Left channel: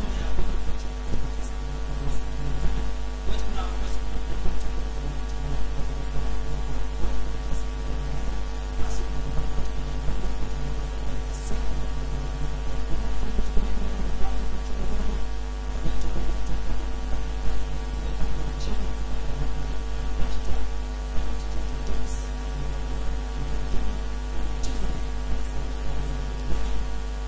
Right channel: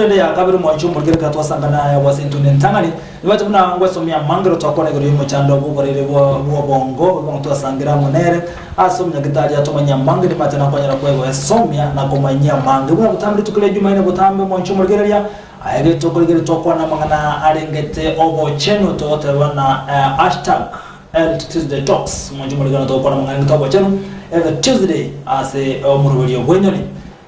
tune ya kabiri mwanchu murgire katwa sangana ya wasintune ntangani nibaje muna ngwesomya mangiro twakona gero yimo chando bukorere bwo bongo bonto asangira monere asomya gitari atomanya mangire matana kwanyara kwego esomya na komanya mangi bwo butambi tukule jumaine butambi mwanchu murgire ya ayege tokolgere twakona mangana arengete obo cheno to tabana hashtag Tuesday Talks mwanchu murgire twakona mangana tobo cheno every Tuesday ase omurubyo bwenyoni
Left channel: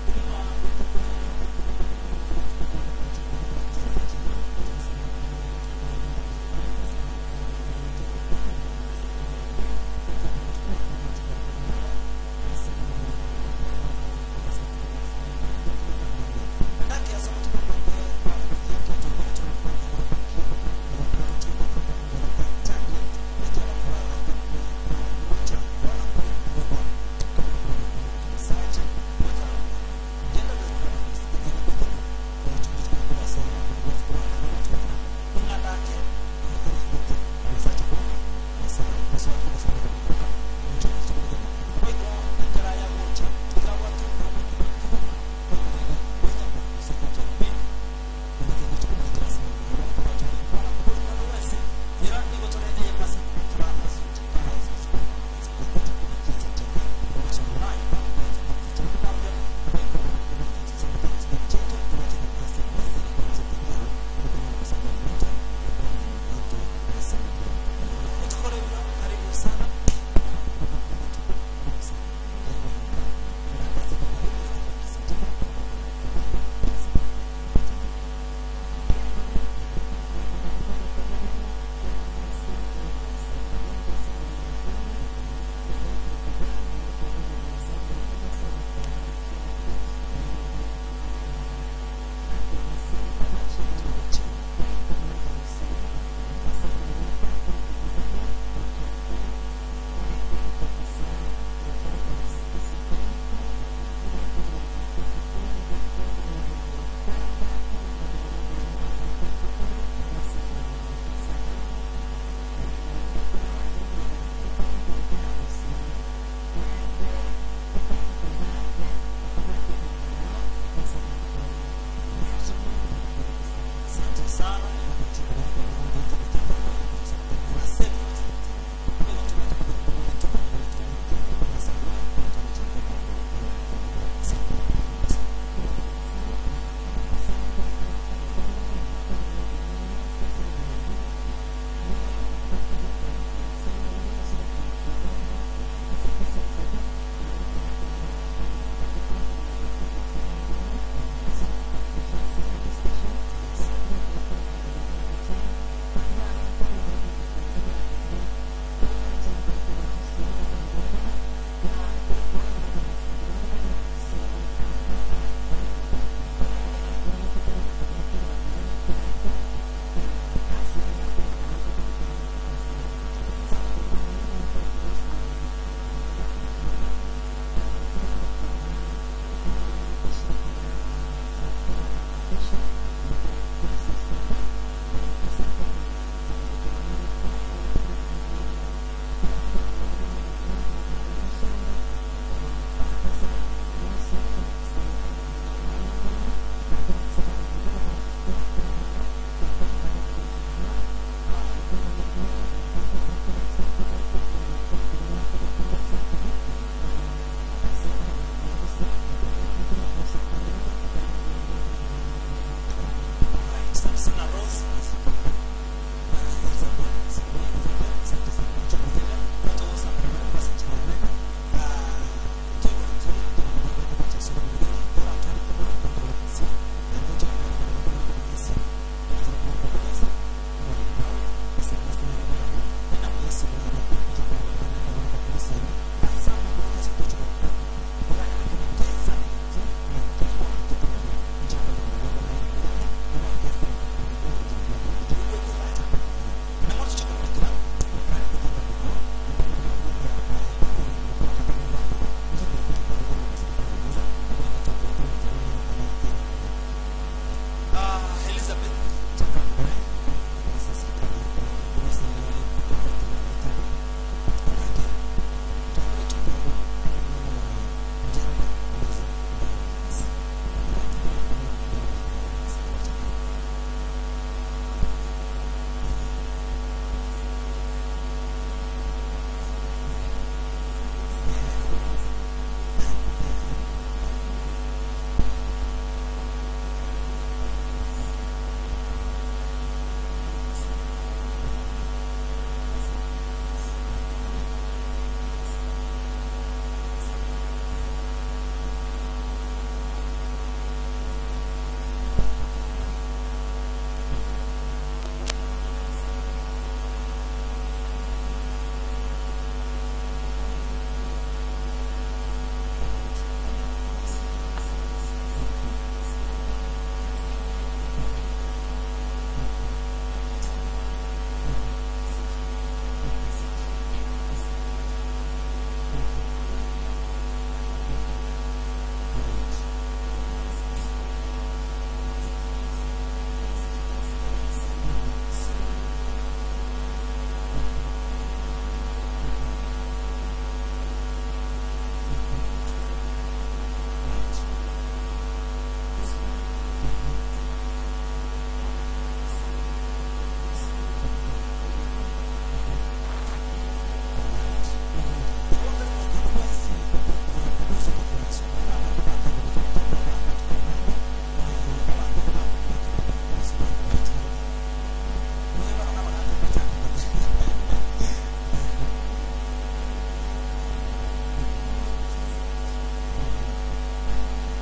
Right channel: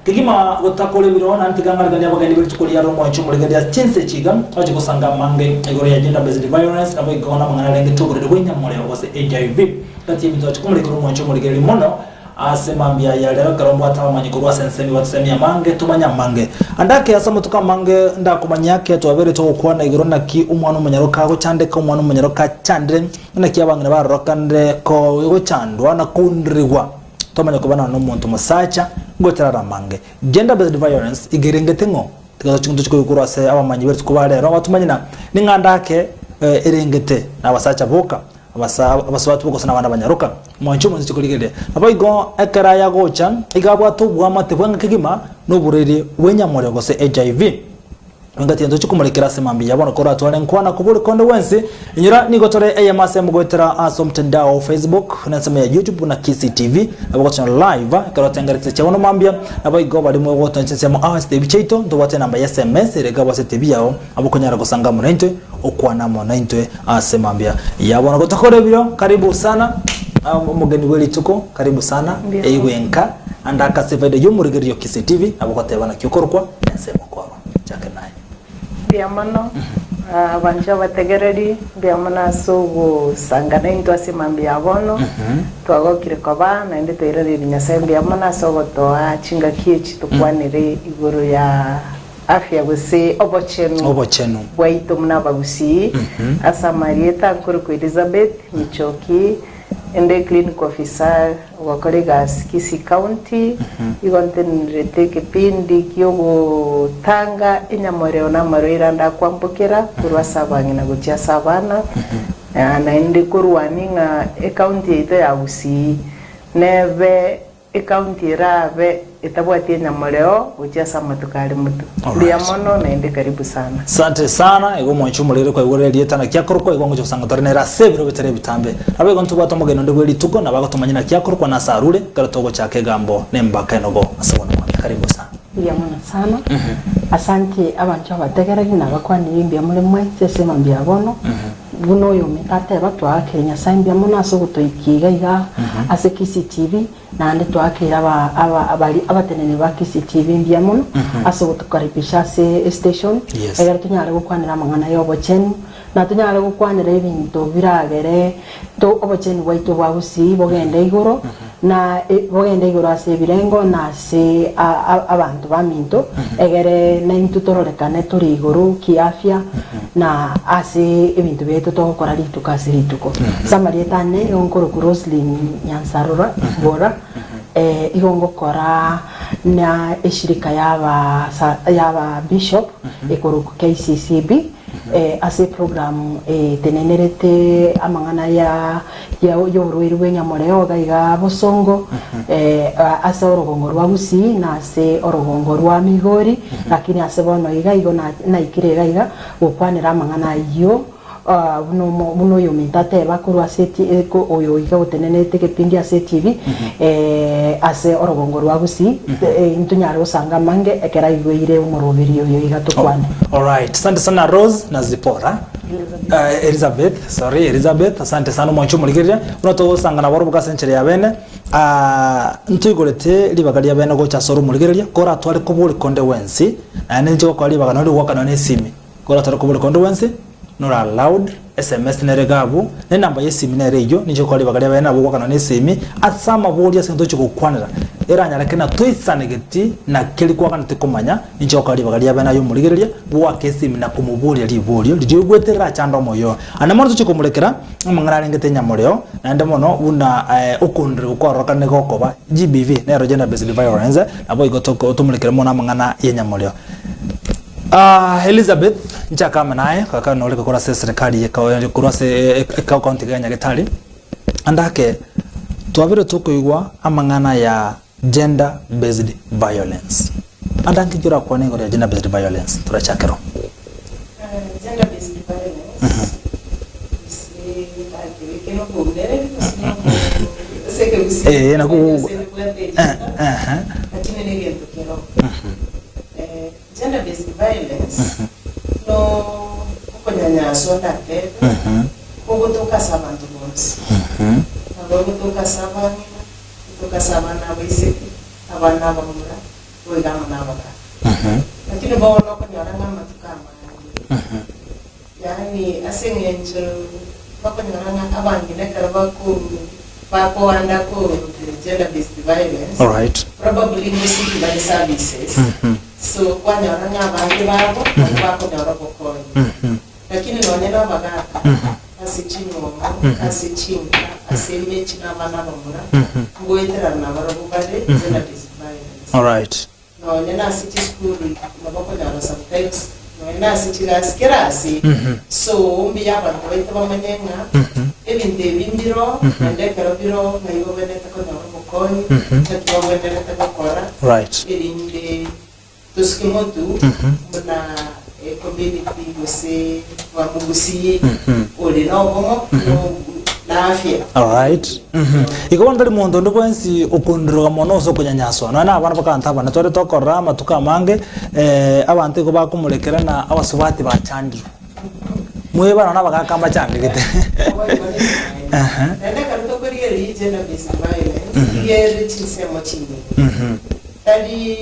kigima gotakole birona antiganga ganya bagandi bitukuli yaro mwanchu murigandi chense chiga aje kusanga mange egoro ya gender based violence abo ikona mangana lenge tugurire wenya mole bose HIV kati mito chikumule kuru mwanchu murigandi mono asemambia ya lero karombo atawa manyikuru sensemi watsemia mange tumanya mange andake asamo tuka mange ndakumanya yake twabere to kwana igoro naki umwana umunyaroka go chande ko umwana umunyaroka chandre naki abangana barokande ko go chandwa na kundrigwa tomanya kubana n'umuntu musacha ngotara mange gender based violence igerengetengo tigazo chintu chikuru ase abamanyi bari kubare ro batumanyina ningandake erengete nabasacha boka abasabatu boko sana bana banyaruka mwanchu munzi chikuligede abayigo ekara ya gocha igabwa tubwa matebwanga kigima n'uburere wenyamore gose HIV ngati ndo chikumulekera semambi yabona ko ratwale nkwana kubuli konde wensi inyira nigotore AMS mugotera asomtandao Facebook na sema ya YouTube na KCTV abako channel live karotengaritse cyabono mambia abayigo bali mu wotonse sema ASTV chaito ndo wate namba ya SMS rega bose TV yao abako nyara gusanga mu 90 okwana mu 90 asemambia yabona gotakore biro karibu sana umugeni weli tuko karibu sana eiwenka andaka sevede yumurigeriyo KCTV abako tebana kyokorwa nsema kwa chake naye biamano banja bategereri biamana sogo sangana into asemambi abono twagokire koba na inde tereri nyasembi biamana sogo to chinga kichi tukwanire igoro ya afya bose obochenu waito muna bagusi asa Marieta Kurku Elizabeth Michoki ende clinic officer wa Koregas Kisi County igontenirete kipindi kyogo tanga inyamoreo na maroira nda kwambukira kurwa sabangi na gutia sabana na ende kurwaninga county ite ya Busi neve county rave itabwatie nyamoreo gutia samatukali mutu bia mono na ende karibu sana asante sana ego mwanchu mulere kwa igore lieta kyakoroko ego ngo sanga torne ra seviro bitere bitambe abego ntubata mugeno ndego lituko na bago tumanyina kyakoroko na sarure karatogo chake gambo nembaka enogo asabona karibu sana bia mono sana asante abantu abategeragi na bakwani yimbia muri mwe sese mambia bono buno yo metate batwa Kenya sambia mono asogutoikiga iga ase KCTV nande twakira abali abatenene ba KCTV mbia mono asogutukaribisha se station egera tunyare gukwanira mangana yobocheni na tunyare gukwanira ibintu biragere to obocheni waito babusi bogenda igoro na bogenda igoro ase birengo na se abantu baminto egere na intutorolekane turi igoro kiafya na ase ibintu beto tokora litukase lituko Samarieta ne onkoro Roslyn Nyansarura bora igongo kora na eshirika yaba bishop ekoro KCCB ase program tenenerete amangana ya yoruiru wenyamoreo gaiga bosongo ase orogongo rwa Busi na ase orogongo rwa Migori lakini ase bono iga igo na ikire gaiga gukwanira amangana iyo buno yo mitate bakuru aseti eko oyo iga utenenete kepindi ase TV ase orogongo rwa Busi ntunyare usanga mange ekera igweire umurubiri yo iga tukwane. All right, asante sana Rose na Zipora Elizabeth asante sana mwanchu muligeria unato usanga na boro bukasenchere ya bene ntugorete libagari ya bene go chasoro muligeria kora twari kubuli konde wensi nje ko libagana uri wakana nesimi kora twari kubuli konde wensi nora allowed SMS neregabu ne namba yeseminare iyo nije ko libagari bene abo wakana nesimi asama bodi sento chikukwanira eranya lakina toisanegeti na keli kwa kana tikomanya nije ko libagari bene ayo muligeria bwa kesimi na kumubuli libolio ligwetera chando moyo anamono chikumulekera amangara ngete nyamoreo nande mono una ukundre ukoroka ne gokoba GBV ne gender based violence abo igotoko otumulekera mona amangana yenyamoreo Elizabeth nchakama naye kaka noleka kora serikali ya kurase county Kenya getali andake twabire tukoigwa amangana ya gender based violence Andangi jura kwa ningo ya gender based violence turachakero. Gender based violence. Na ku gender based violence no kunyanyaswa ndake ukutoka sabantu bonse ukutoka sabani kutoka sabana abise abana bamura wegama nabaka lakini baona kunyaranga matukama yani asengenje bakunyaranga abangine karabaku Papo anda ko gender based violence. All right. Probably missing by services. So kwa nyaranga abangi babo bako nyarako ko. Lakini nonena bagaka. Asichinyo, asichinga, asemye china bana bamura. Ngoitera na barabu bade gender based violence. All right. Nonena city school na bako nyara subtext. Nonena city gaskerasi. So umbi yaba ngoite bamenyenga. Ebinte bimbiro ande karabiro mayibo beneta ko nyarako ko. Tetwa kora. Right. Erinde tuskimotu na community wose wa mugusi oli no bomo na afya. All right. Iko ndari mondo ndo kwensi okundiro mono so kunyanyaswa na abana bakanta bana tore tokora matuka mange abante ko bakumulekera na abasubati bacandi mwe bana nabagakamba cyane gite Nenda karuto kuri yeri gender based violence yeri chisemo chindi tadi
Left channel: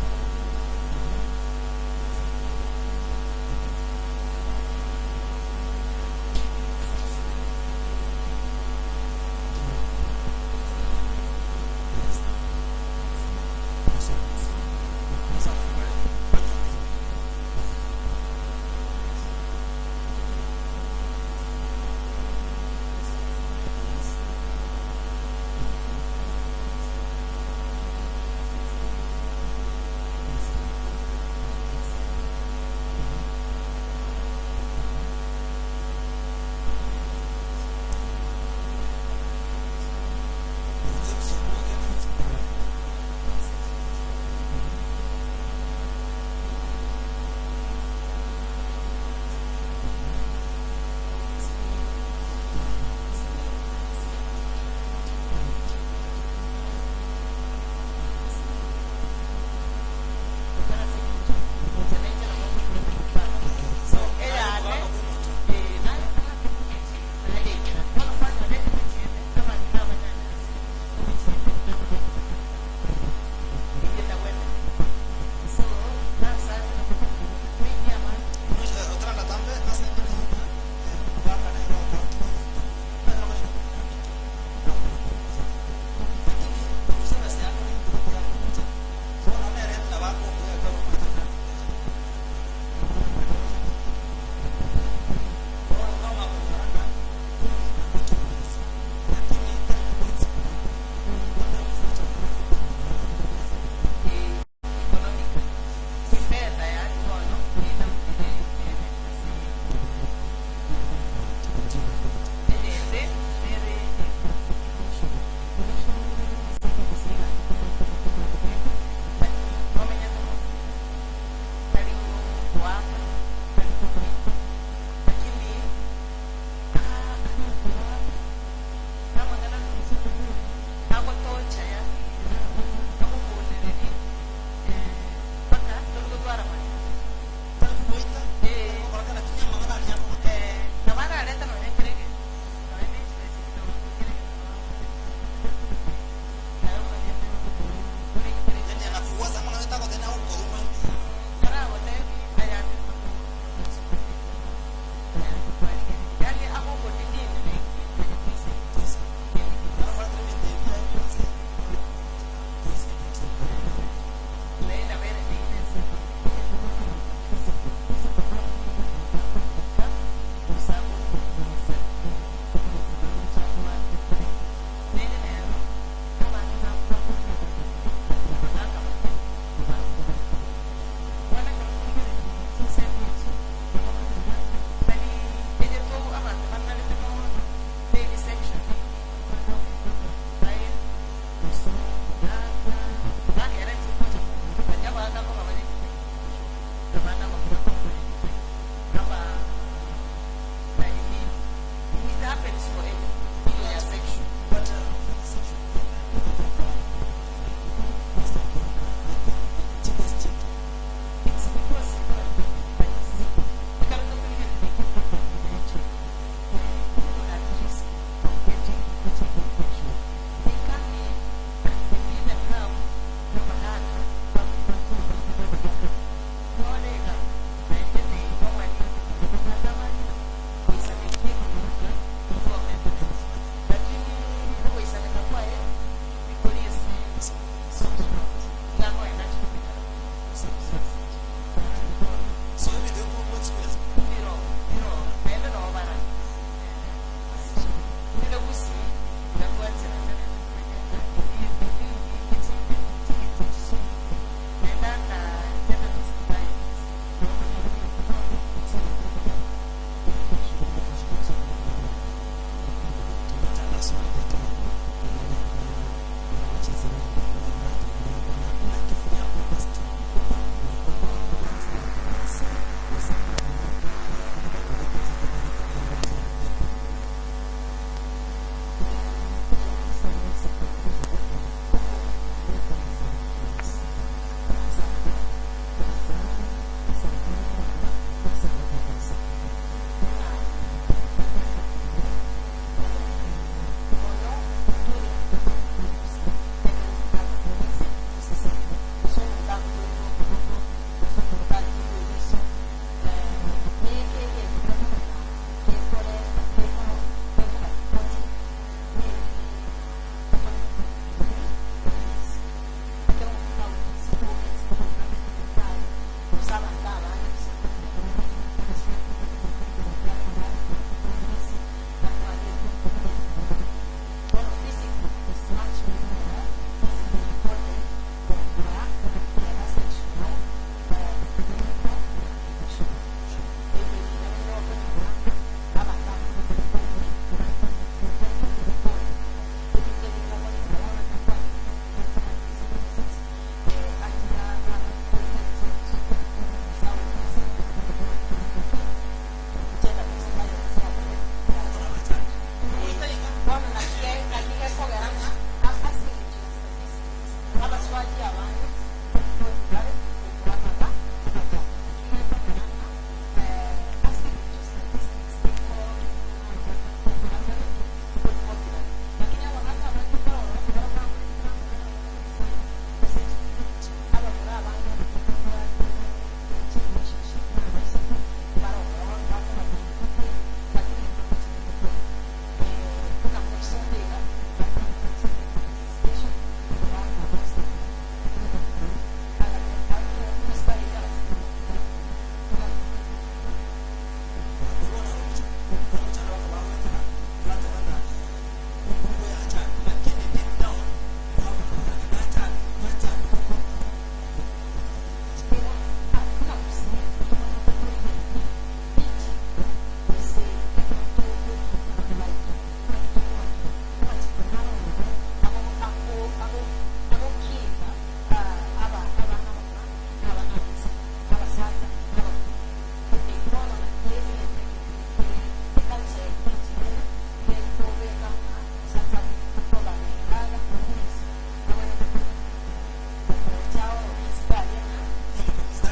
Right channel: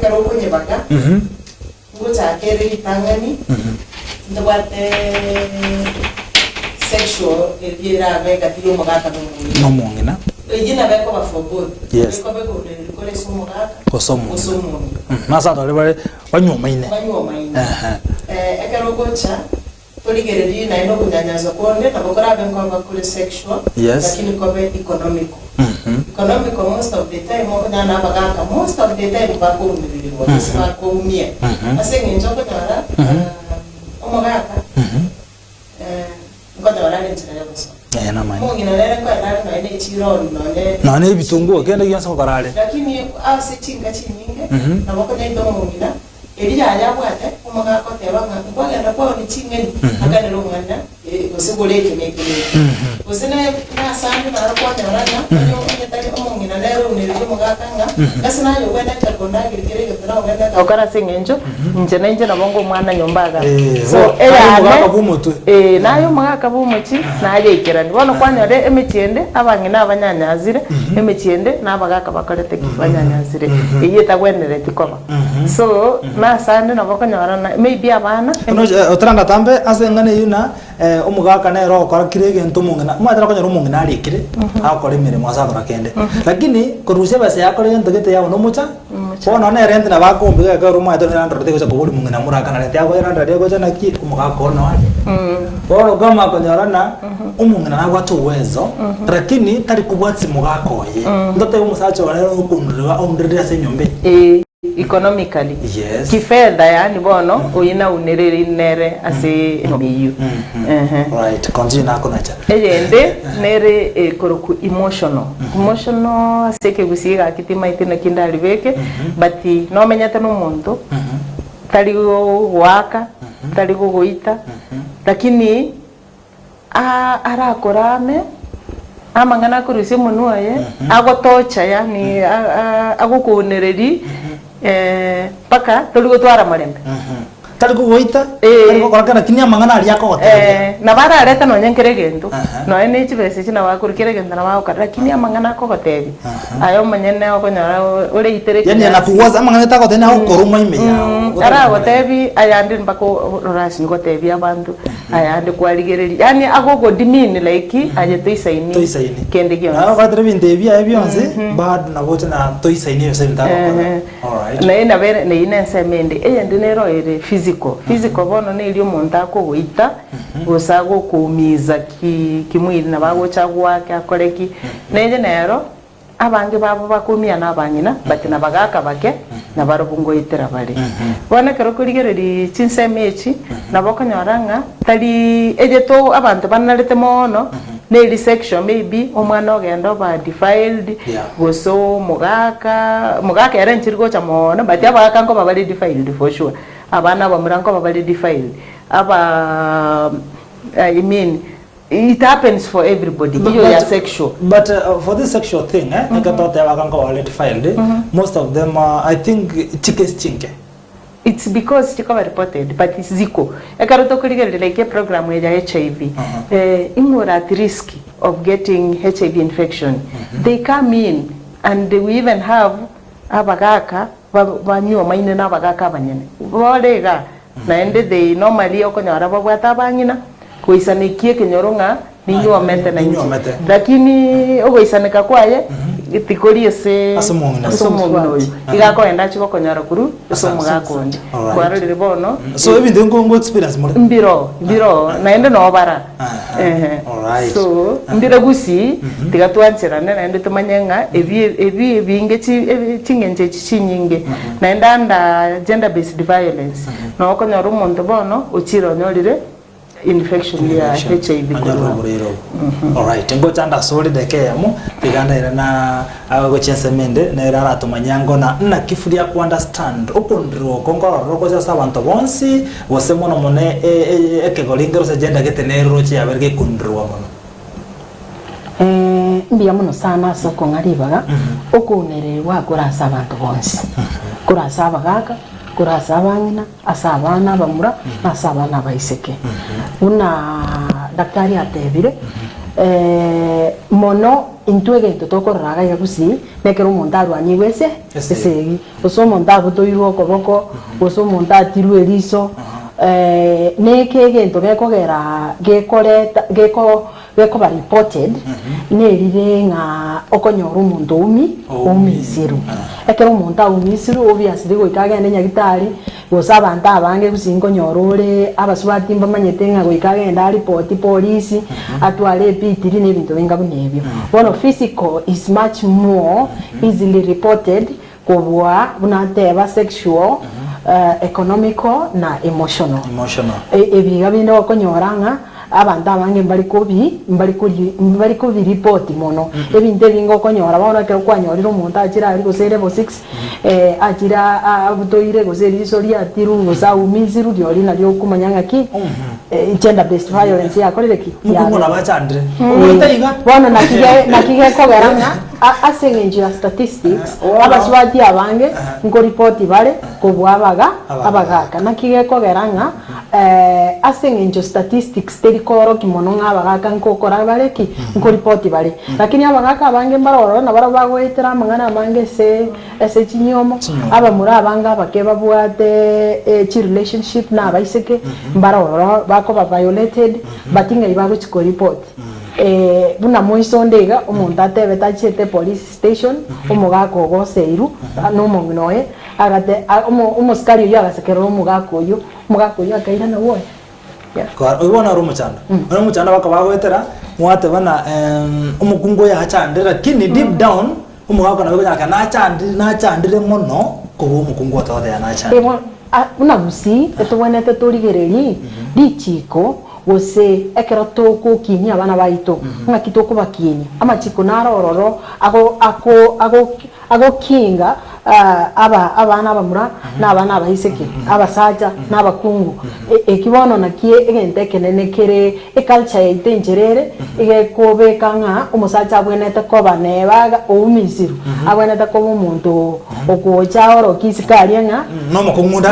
karoko nyebaka Guta kere itangani ndwate sexual elira vega tiyo magata nomongina ejina beko bafogo yes beko kore somo kosomo masa dole bare banyoma ine ekero gocha toligere na ino kunyanyaza konde na bokora benko bakure sexual lakini kobe economic economic most of the time na bagaka most of the time bako ndiri sima ko mia asenye njoko nyara omagaka ngoda wala ntsira yabusa na mani mungi na lele kwa na ine chiro na ne bitungo kende yansa ko karale lakini asichinga chinyinge na bako ndo mungi Elia yabwate omagaka kotebanga kwagenda kwa ni chingeni akane longanda kusuguleke nekele kusene na sande na rapwate rana nyo nyetali omongina lero nirije mogaka nga kasina yo wenda chakonda kirikire gitara wenda okara singenjo nje na bongo mwana nyombaga so era mogaka bumutu nayo mogaka bumuchi naje ikirani bono kwanyore emetiende abangina abanyanyazire emetiende nabagaka bakarete kibanyanyazire iyeta gwenere tikoba so na sande na bakanyara na maybe abana otranda tambe asengane yuna omugaka na ro kwa kirege ntumungana mwadara kanyara umungana arikire akore mirimo asabara kende lakini koruse base yakore ndogete yawo no mucha bona na rent na bakombe ka ruma to na ndorete ko kuguri mungana muraka na rent yako na ndade ko jana ki omugaka ona wale bona kama kanyara na umungana na watu uwezo lakini tari kubwatsi mugaka oye ndote umusacho wale ukundira omndire se nyombe economically yes kifedha yani bono uyina unerere nere ase biyu right continue na konacha ende nere koroku emotional aseke gusiga kitima itena kindali beke but no menyata no muntu taligo waka taligo goita lakini ara korame amangana kurusi munuaye agotocha yani agokunereri paka toligo twara marembe tali kugoita tali korakana kinya mangana ali yako gote na bara areta no nyenkere gendo no ene chibese china wakurikire gendo na wakara kinya mangana ko gote ayo manyene okonyara ore itere yani na kuwaza mangana ta gote na okoruma ime ya ara gotebi ayandi mbako rasi gotebi abantu ayandi kwaligereri yani agogo dimini like aje toisaini kende gyo na badre binde bia byonse bad na bote na toisaini yose ndako all right na ina bere na ina semende eyandi nero ere physical bono ne iri umuntu akogoita gosago kumiza kimwiri na bagocha gwake akoreki neje nero abange babo bakumia na abanyina bati na bagaka bake na barubungo itera bali bona kero kurigereri chinsemechi na bokanyoranga tali eje to abantu banalete mono Nearly section maybe omwana ogenda ba defiled goso mugaka era nchiriko cha mono but abagaka ngo babali defiled for sure abana bamuranko babali defiled aba I mean it happens for everybody sexual but for this sexual thing I thought they were already defiled most of them I think chinke it's because chikaba reported but it's ziko ekaroto kuligere like a program ya HIV imura at risk of getting HIV infection they come in and we even have abagaka banyo maine na abagaka banyene bolega na ende they normally okonyara babwata banyina kuisanikie kinyoronga ninyo mete na inyo lakini ogoisanika kwaye itikori ese asomo noyo igako enda chiko konyara kuru asomo gakondi kwaro liribono so even the ngo experience more mbiro naende no bara so mbira gusi tigatwanchira naende tumanyenga ebi binge chingenje chinyinge naenda anda gender based violence no konyara umuntu bono uchiro nyorire infection ya HIV all right ngo chanda soli dekeyamo tiganda ira na agochese mende na ira ratumanyango na kifuria ku understand okundro kongo roko za abantu bonsi bose mono mone ekegolingero se gender getenero chia berge kundro mono mbia muno sana soko ngaribaga okunere wa kurasa abantu bonsi kurasa abagaka kurasa abanyina asabana bamura asabana baiseke una daktari atebire mono intwege totokoraga yagusi nekero mondaru aniwese esegi oso mondaru toiro koboko oso mondatiru eriso nekege ntogekogera geko ba reported nerire nga okonyora umuntu umisiru ekero umuntu umisiru obviously goikaga ende nyagitari gosaba anta abange gusingo nyorore abaswati mbamanyete nga goikaga enda report police atwale pitiri nebintu benga bunebyo one physical is much more easily reported kubwa bunateba sexual economical na emotional ebiga bino okonyoranga abantu abange mbali ko report mono ebinte bingo konyora baona ke kwanyorira umuntu akira ari gose level 6 akira abutoire gose risori atiru gosa umiziru byori na byo kumanyanga ki gender based violence yakorere ki mukungona bachandire bona nakige ko garanga asengenjira statistics abaswati abange ngo report bale ko bwabaga abagaka nakige ko garanga asengenjo statistics terikoro kimono ngabagaka nkokora bareki ngo report bale lakini abagaka abange mbaroro na barabagwetera mangana amange se chinyomo aba muri abanga bakeba bwate chi relationship na baiseke mbaroro bako ba violated batinga ibago chiko report buna moisondega umuntu atebe tachete police station umugako goseiru no mongnoye agate umuskari yo agasekero umugako yo akaira na woye kwa ubona rumuchana bakabagwetera mwate bana umukungo ya chandira lakini deep down umugako nabwo yaka na chandire mono ko umukungo atode ya na chandira una musi etubonete turigereri dichiko gose ekero toko kini abana baito nga kitoko bakini amachiko narororo ago kinga abana abamura n'abana abahiseke abasaja n'abakungu ekibono nakie egente kenene kere culture itengerere egekobeka nga umusaja abwenete koba nebaga oumisiru abwenete koba umuntu okocha oro kisikari nga no mukungunde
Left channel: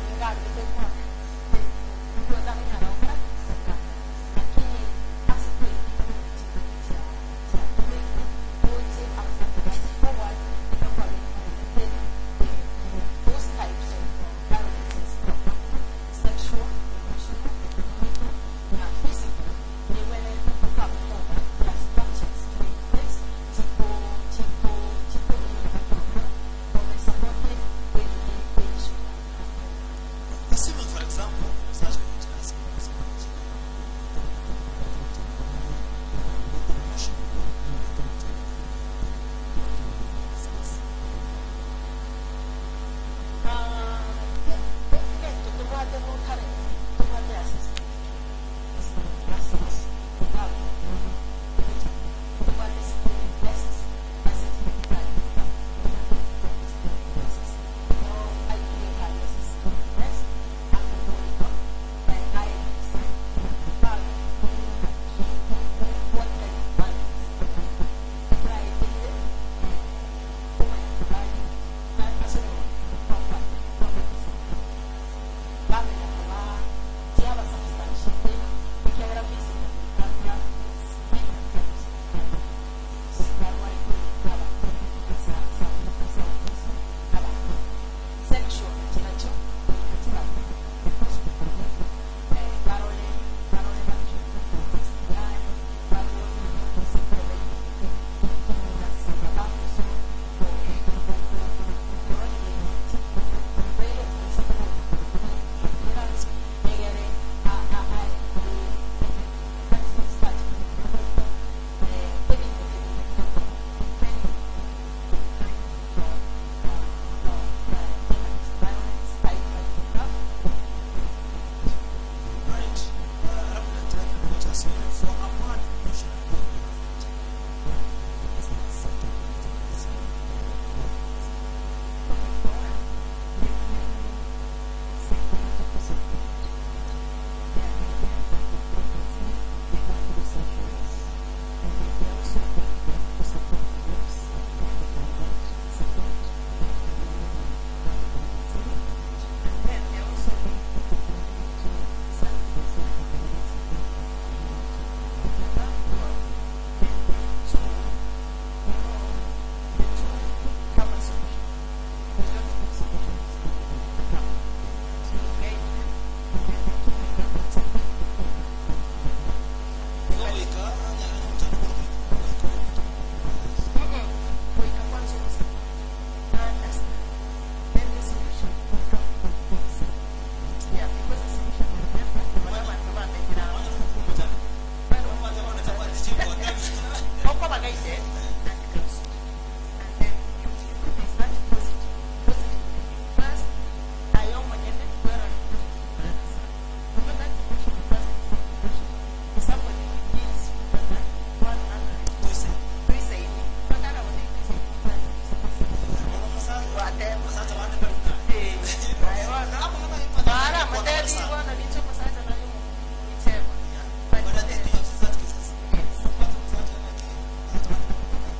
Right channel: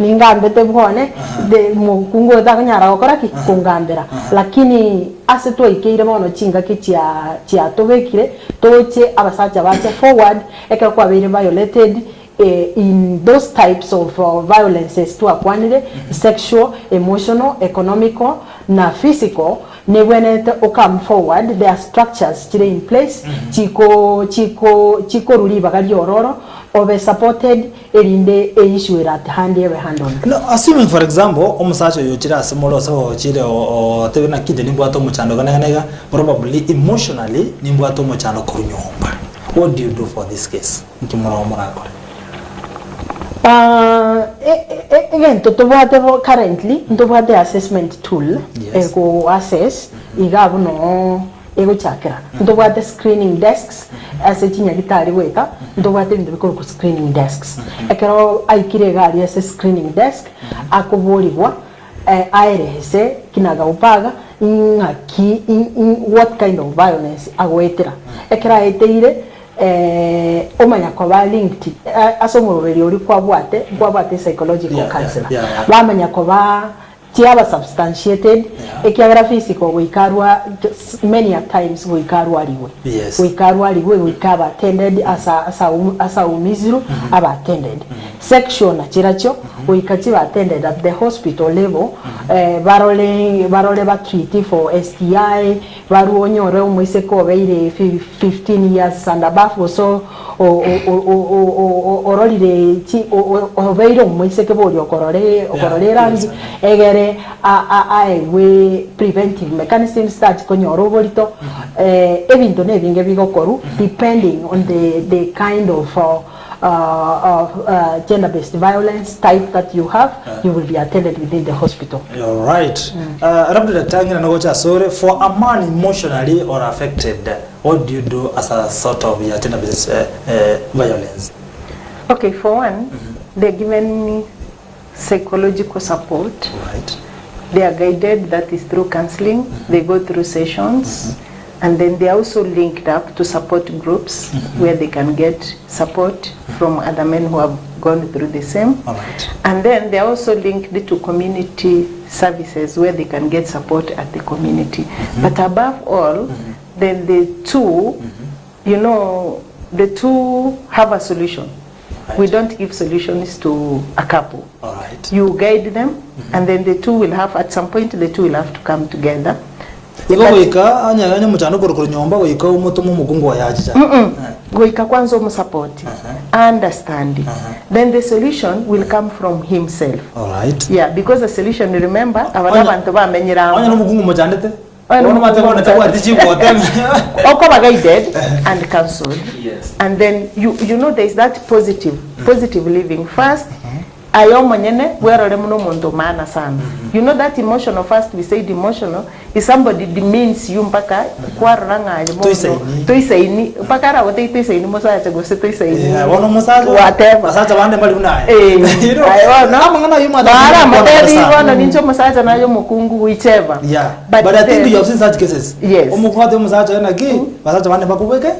ningambete bwone de mukungu etaganyara gukora ki kungambera lakini ase twaikeire bono chinga kia tobekire toche abasaja bache forward kwa very violated in those types of violences to akwanire sexual, emotional, economical na physical ne when it come forward there are structures today in place chiko ruli bagari ororo over supported erinde issue at hand every hand on no assuming for example omusacho yochira asimolo so chire o tebena kide nimbwato muchando kanega probably emotionally nimbwato muchando kunyomba. What do you do for this case? Again, currently, the assessment tool go assess igabu no ego chakera ndobwate screening desks ase chinyagitari gweta ndobwate bintu bikoro ku screening desks ekero aikire gari ase screening desk akuburirwa aerese kinaga upaga ngaki what kind of violence agwetera ekera eteire omanya kwa ba linked asomororeri uri kwabwate psychological counselor bamanya kwa ba tiaba substantiated ekiagera physical wikarwa many a times wikarwa liwe wikarwa liwe wikaba attended asa umizuru aba attended section chiracho wikati ba attended at the hospital level barole ba treat for STI baru onyore umwise ko beire 15 years and above so orolire ti obeire umwise ke bori okorore rangi egere we preventive mechanism start konyoro borito ebintu nebinge bigokoru depending on the kind of gender-based violence type that you have, you will be attended within the hospital. All right. For a man emotionally or affected, what do you do as a sort of gender-based violence? Okay, for one, they're given psychological support. Right. They are guided, that is through counseling. They go through sessions. And then they are also linked up to support groups where they can get support from other men who have gone through the same. All right. And then they are also linked to community services where they can get support at the community. But above all, then the two, you know, the two have a solution. Right. We don't give solutions to a couple. All right. You guide them, and then the two will have, at some point, the two will have to come together. Goika anya muchano korokoro nyomba goika umutomo mugungu wayaje goika kwanza umusupport understanding then the solution will come from himself. All right. Yeah, because the solution, remember abana bantu bamenyira anya no mugungu mujandete ono matebona tawa dichibote okoba guided and counseled. Yes. And then you know there is that positive living first. Ayo manyene werore muno muntu maana sana. You know that emotional, first we said emotional is somebody demeans you mpaka kwaranga aje toisaini mpaka ra wote toisaini musacha gose toisaini wono musacha whatever musacha bande bali unaye ayo no amangana yuma bara modeli wono nincho musacha nayo mukungu whichever. Yeah, but I think you have seen such cases. Yes. Omukwate musacha na gi musacha bande bakubweka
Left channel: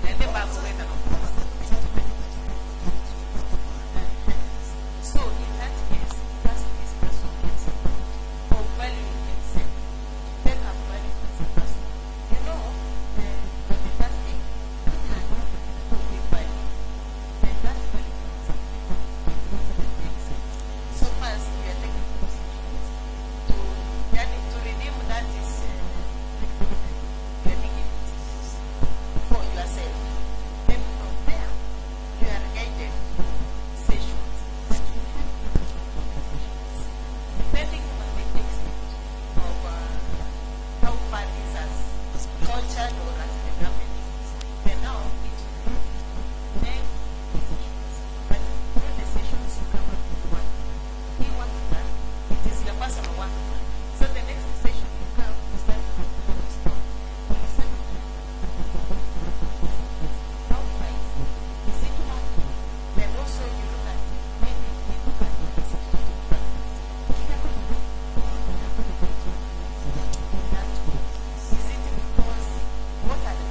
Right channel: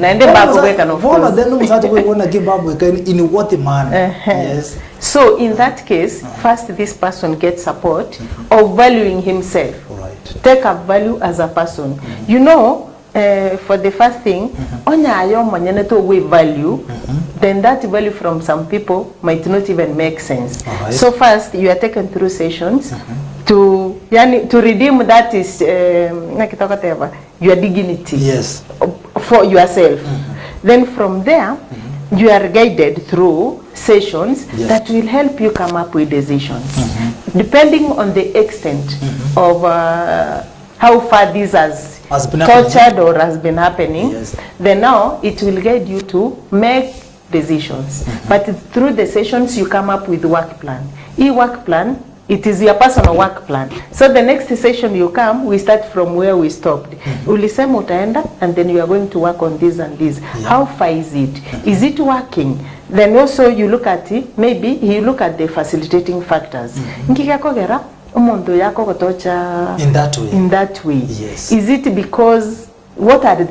na ende bakubweka no for then musacha we wanna give babweka in what manner. Yes. So in that case, first this person gets support of valuing himself. Right. Take a value as a person. You know, for the first thing, we value, then that value from some people might not even make sense. Right. So first, you are taken through sessions to redeem that is your dignity. Yes. For yourself. Then from there, you are guided through sessions that will help you come up with decisions. Depending on the extent of how far this has been tortured or has been happening, then now it will guide you to make decisions. But through the sessions, you come up with work plan. Work plan, it is your personal work plan. So the next session you come, we start from where we stopped. Ulisema utaenda, and then you are going to work on this and this. How far is it? Is it working? Then also you look at it, maybe you look at the facilitating factors. Nkikakogera, umondo yako kotocha in that way. Yes. Is it because what are the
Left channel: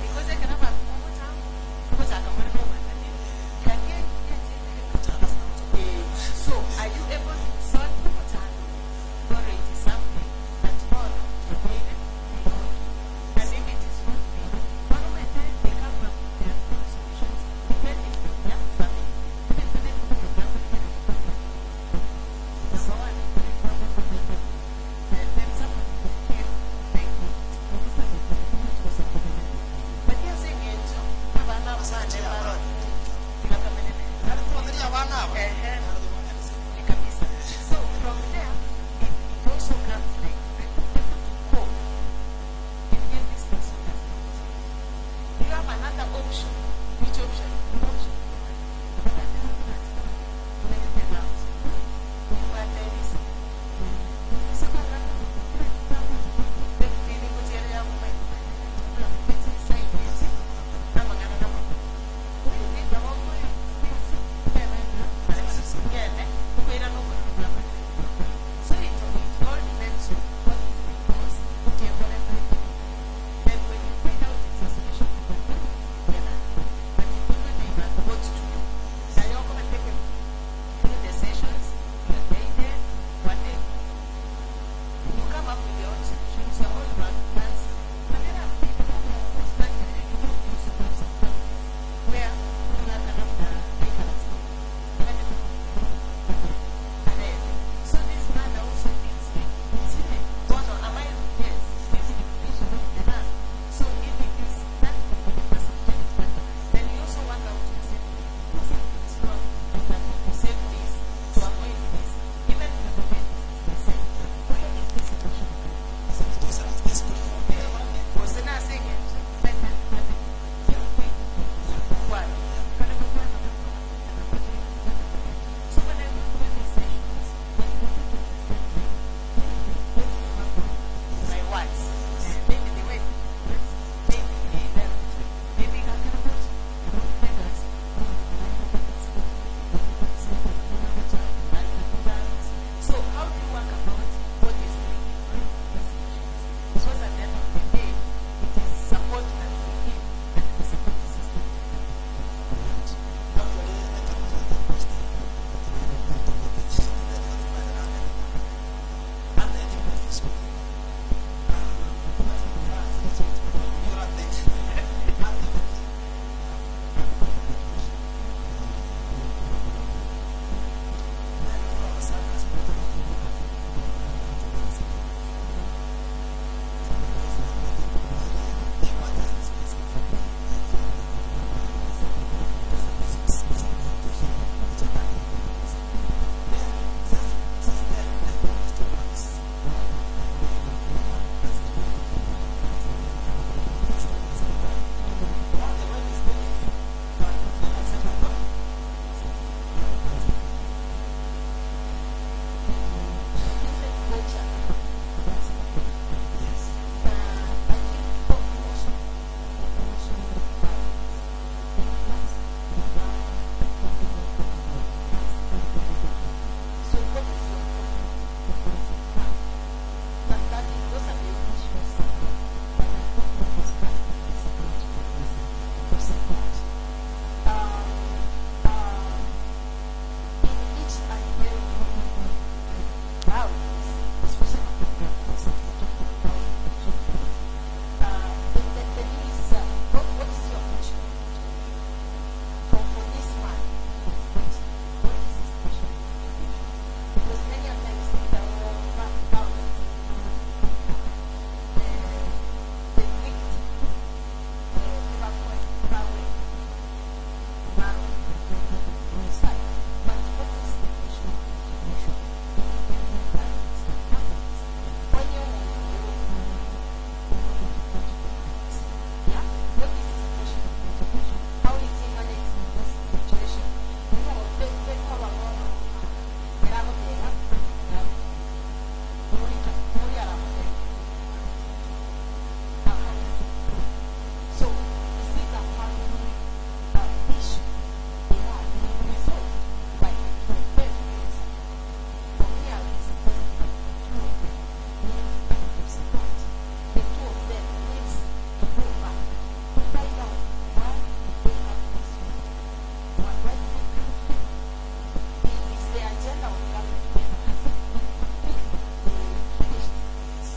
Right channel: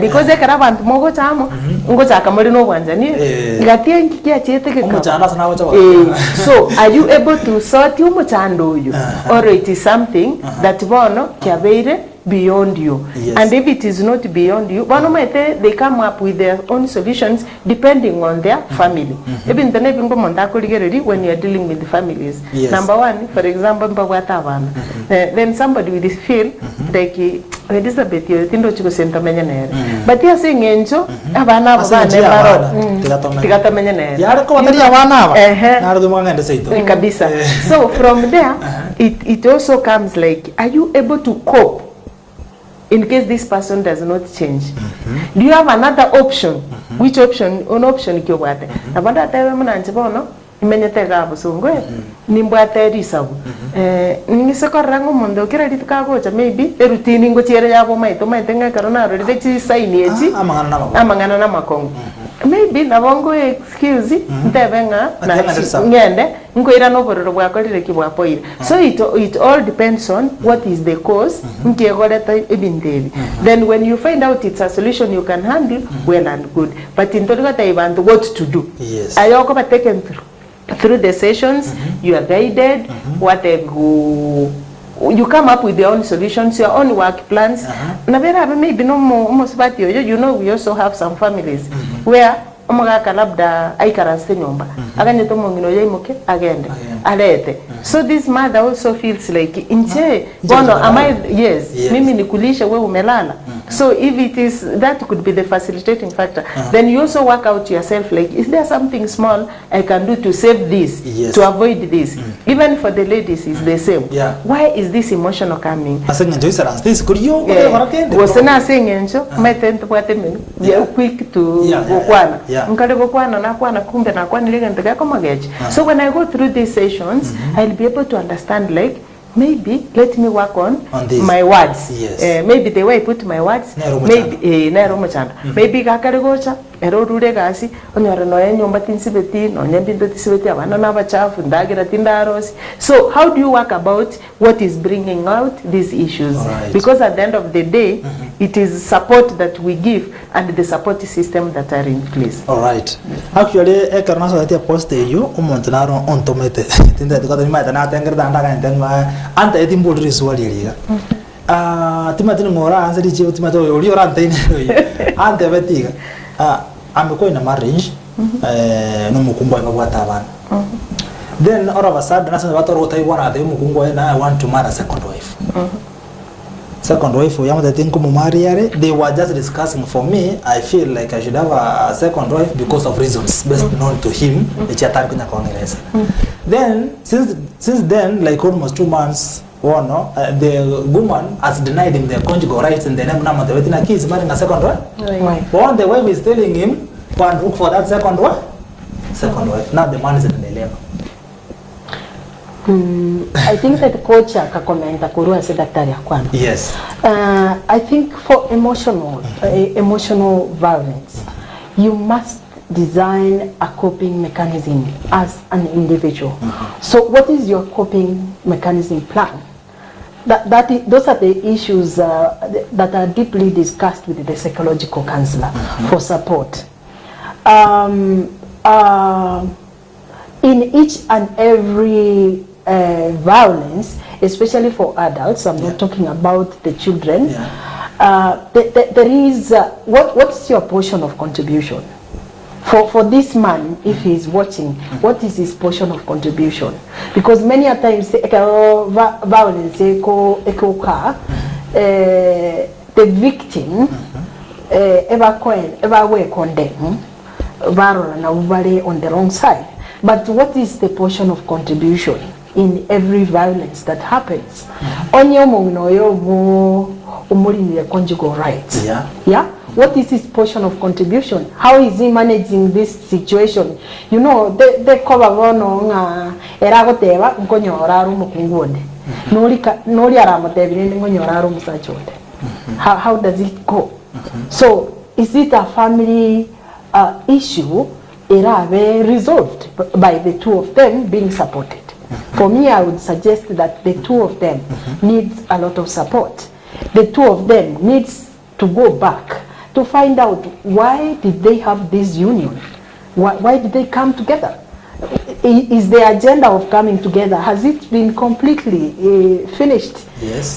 because ekara bantu mogo chamo ngo chaka muri no bwanjani ngatie ngikia cheteke so are you able to sort you muchando you or it is something that bono kyabeire beyond you? And if it is not beyond you, they come up with their own solutions depending on their family. Even the when you are dealing with the families. Number one, for example, then somebody will feel like Elizabeth, you think to send but you are saying Enjo, so from there, it also comes like, are you able to cope in case this person does not change? Do you have another option? Which option? An option imenyete gabo songwe nimbwate risabu ningise korrango mondo kira litikagocha maybe erutini ngo chiere yabo maito ngakaro naro richi sign yechi amangana na makongo maybe nabongo excuse ntebenga na ngende ngoira no bororo bwakorire kibwapoire so it all depends on what is the cause ngegoreta ibindebi then when you find out it's a solution you can handle well and good but in total time what to do ayoko ba taken through the sessions you are guided what they go you come up with your own solutions, your own work plans. Maybe no more you know we also have some families where so this mother also feels like so if it is that could be the facilitating factor then you also work out yourself like is there something small I can do to save this to avoid this even for the ladies is the same why is this emotional coming quick to so when I go through these sessions I'll be able to understand like maybe let me work on my words maybe the way I put my words maybe maybe gakarigocha erorure gasi onyora no enyomba tinsibeti no nyambindo tisibeti abana nabachafu ndagira tindarosi so how do you work about what is bringing out these issues because at the end of the day it is support that we give and the support system that are in place actually ekarnaso that post you umontanaro ontomete tinda tukata nimata na tengerda ndaga ntenga anta etimbul riswali timatino ngora ansari chivo timato ori ora ntene ante betiga amekuwa in a marriage no mukumbo ababwata abana then all of a sudden nasa watu rota iwana ate mukumbo na I want to marry a second wife second wife yamu that think mu marry they were just discussing for me I feel like I should have a second wife because of reasons best known to him echata kunya kongereza then since then like almost 2 months the woman has denied him their conjugal rights and the name number the wetina kids marrying a second wife on the wife is telling him go and look for that second wife now the man is in the dilemma I think that coach akakomenta kurua se daktari akwana I think for emotional violence you must design a coping mechanism as an individual so what is your coping mechanism plan those are the issues that are deeply discussed with the psychological counselor for support in each and every violence especially for adults I'm not talking about the children there is what's your portion of contribution for this man if he is watching what is his portion of contribution because many a times violence the victim ever we condemn on the wrong side but what is the portion of contribution in every violence that happens conjugal rights what is his portion of contribution how is he managing this situation you know the cover nga eragoteba nkonyora rumu kungone nori aramotebire nkonyora rumu sachode how does it go so is it a family issue erabe resolved by the two of them being supported for me I would suggest that the two of them needs a lot of support the two of them needs to go back to find out why did they have this union why did they come together is the agenda of coming together has it been completely finished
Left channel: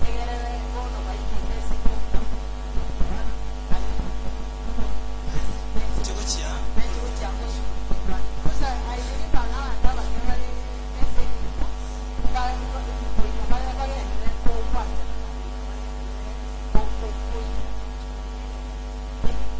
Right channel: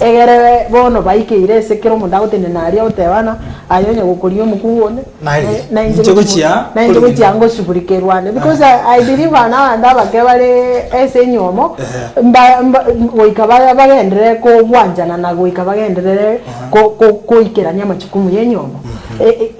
egere bono baike irese kero mundagote naria otebana ayonye gukurio mukuone na injogochia ngo shughurikerwane because I believe na ndaba kebale ese nyomo goikaba bagendere ko bwanjana na goikaba bagendere ko ikeranya machukumu yenyomo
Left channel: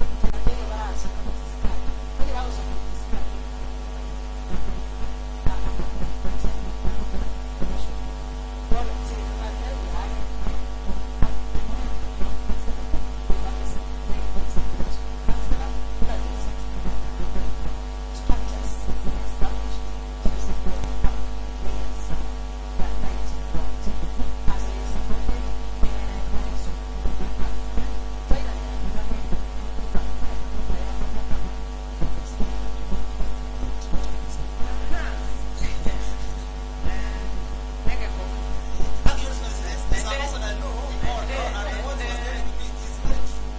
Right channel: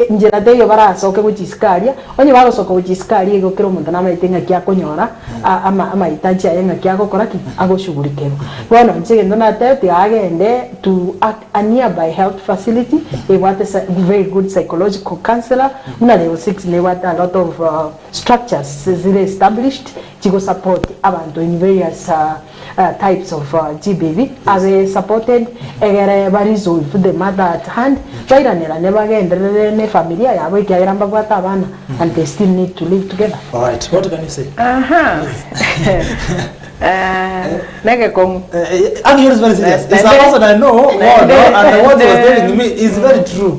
njira deyo barasoke guchiskaria onye bagosoka guchiskaria igokero omonto namaitenga kia konyora ama itachi ayenga kia gokora ki agoshughulike bono nchigendo na tete agende to a nearby health facility they want a very good psychological counselor na level 6 they want a lot of structures zile established to support abantu in various types of GBV are supported egere barizo for the mother at hand bairanera nebagendere ne familia yabo ikiramba kwata abana and they still need to live together. All right, what can you say? Nege kong and yours very serious. It's a person I know and what he was telling me is very true.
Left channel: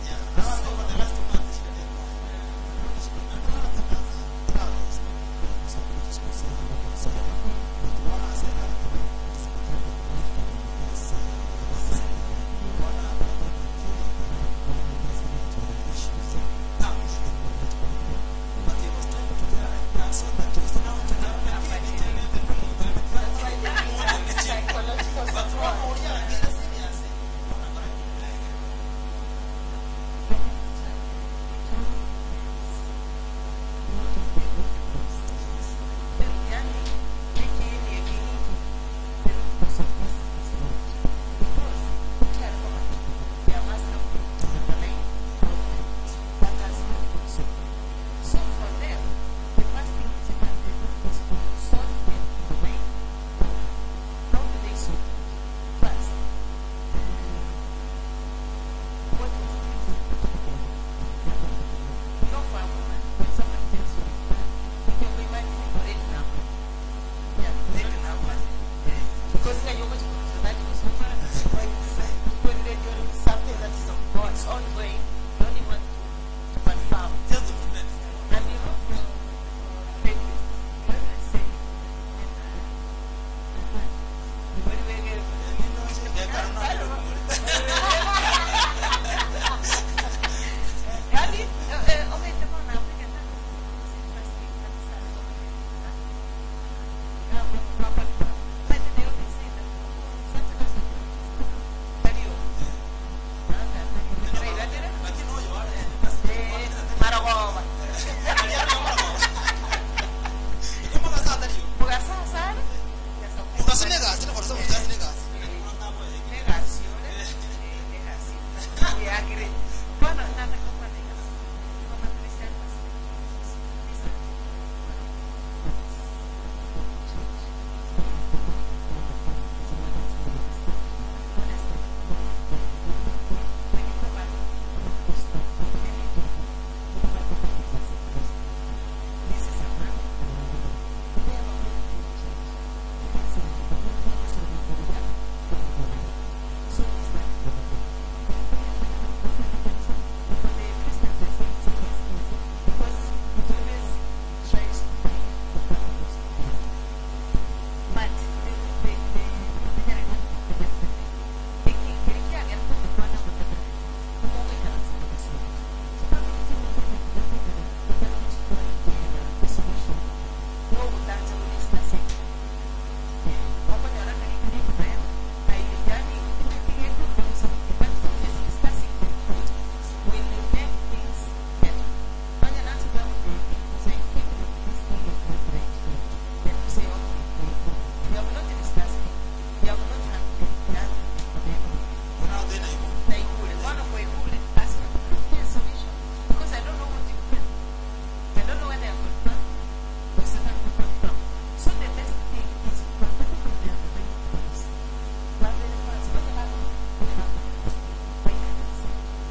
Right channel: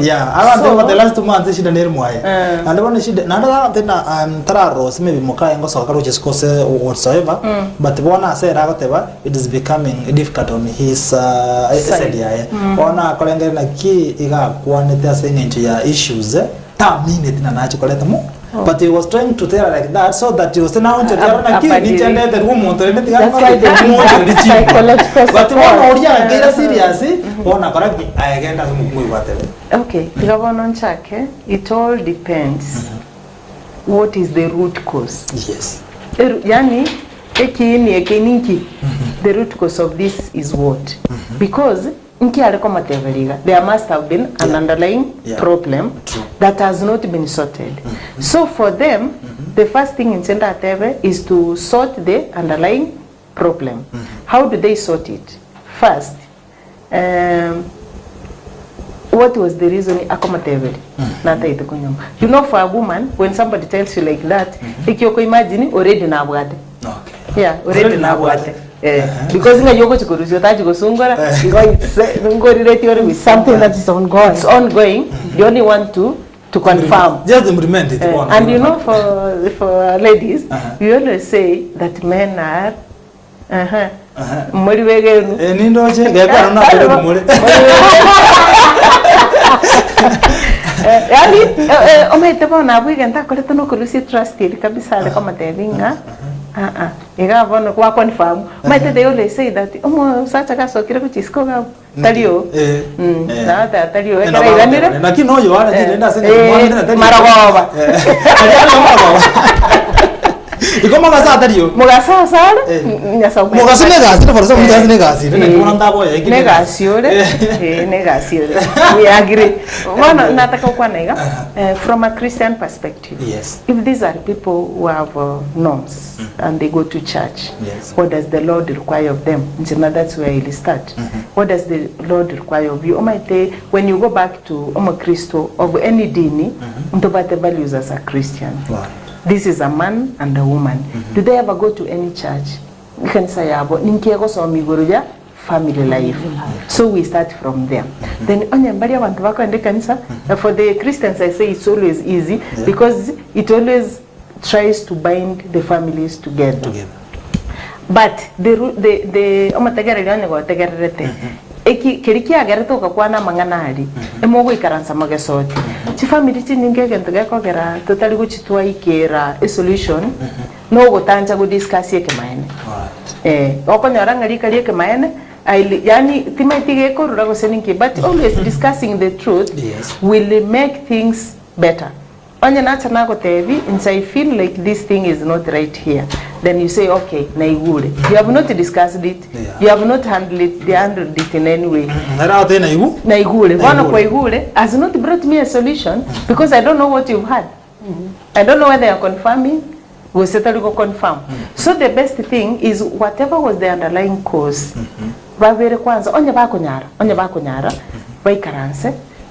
Yeah, I want to for the last 2 months she done moye and when she nanda tena tararo maybe moka ngo soka which is cause whatsoever but bona say ragoteba it is becoming difficult on his side yeah bona kolengere na ki iga kwanete asenga into ya issues ta minute na nacho koleta mo. But he was trying to tell her like that so that he was now to tell her that he intended the woman to let the psychological but one oria get serious one correct I get as muy whatever. Okay, Governor Chake, it all depends what is the root cause. Yes. Yani the root cause of this is what? Because there must have been an underlying problem that has not been sorted. So for them, the first thing in Center Atebe is to sort the underlying problem. How do they sort it? First, what was the reason you know, for a woman, when somebody tells you like that, imagine already na yeah, already na because you go to Sungara, with something that is ongoing. It's ongoing. You only want to confirm. Just implement it. And you know, for ladies, we always say that men are Igavono kwa confirm. Might they always say that such a caso kile kuchiskoga talio. Na talio ekara na kinoyo wala tenda sema maragoba. Iko magasa talio. Magasa sala. Nyasa ume. Magasa negasi, for some reason negasi. Nenda boya iki. Negasiore. We agree. Wana nataka kwa naiga from a Christian perspective. Yes. If these are people who have norms and they go to church, what does the Lord require of them? That's where he'll start. What does the Lord require of you? When you go back to Christo of any dini, the values as a Christian. This is a man and a woman. Do they ever go to any church? You can say about family life. So we start from there. Then for the Christians, I say it's always easy because it always tries to bind the families together. But keriki agerto kakwana manganari emogo ikaransa magesoti chi family chi ninge gento gakogera totally guchitwa ikera a solution no gotanja go discuss yeke maene okonyora ngari kali yeke maene yani timaitige ko rurago seninki but always discussing the truth will make things better. Anya na chana ko tevi and I feel like this thing is not right here. Then you say, okay, naigure. You have not discussed it. You have not handled it in any way. Naigure. One of naigure has not brought me a solution because I don't know what you've had. I don't know whether you're confirming. We'll certainly go confirm. So the best thing is whatever was the underlying cause.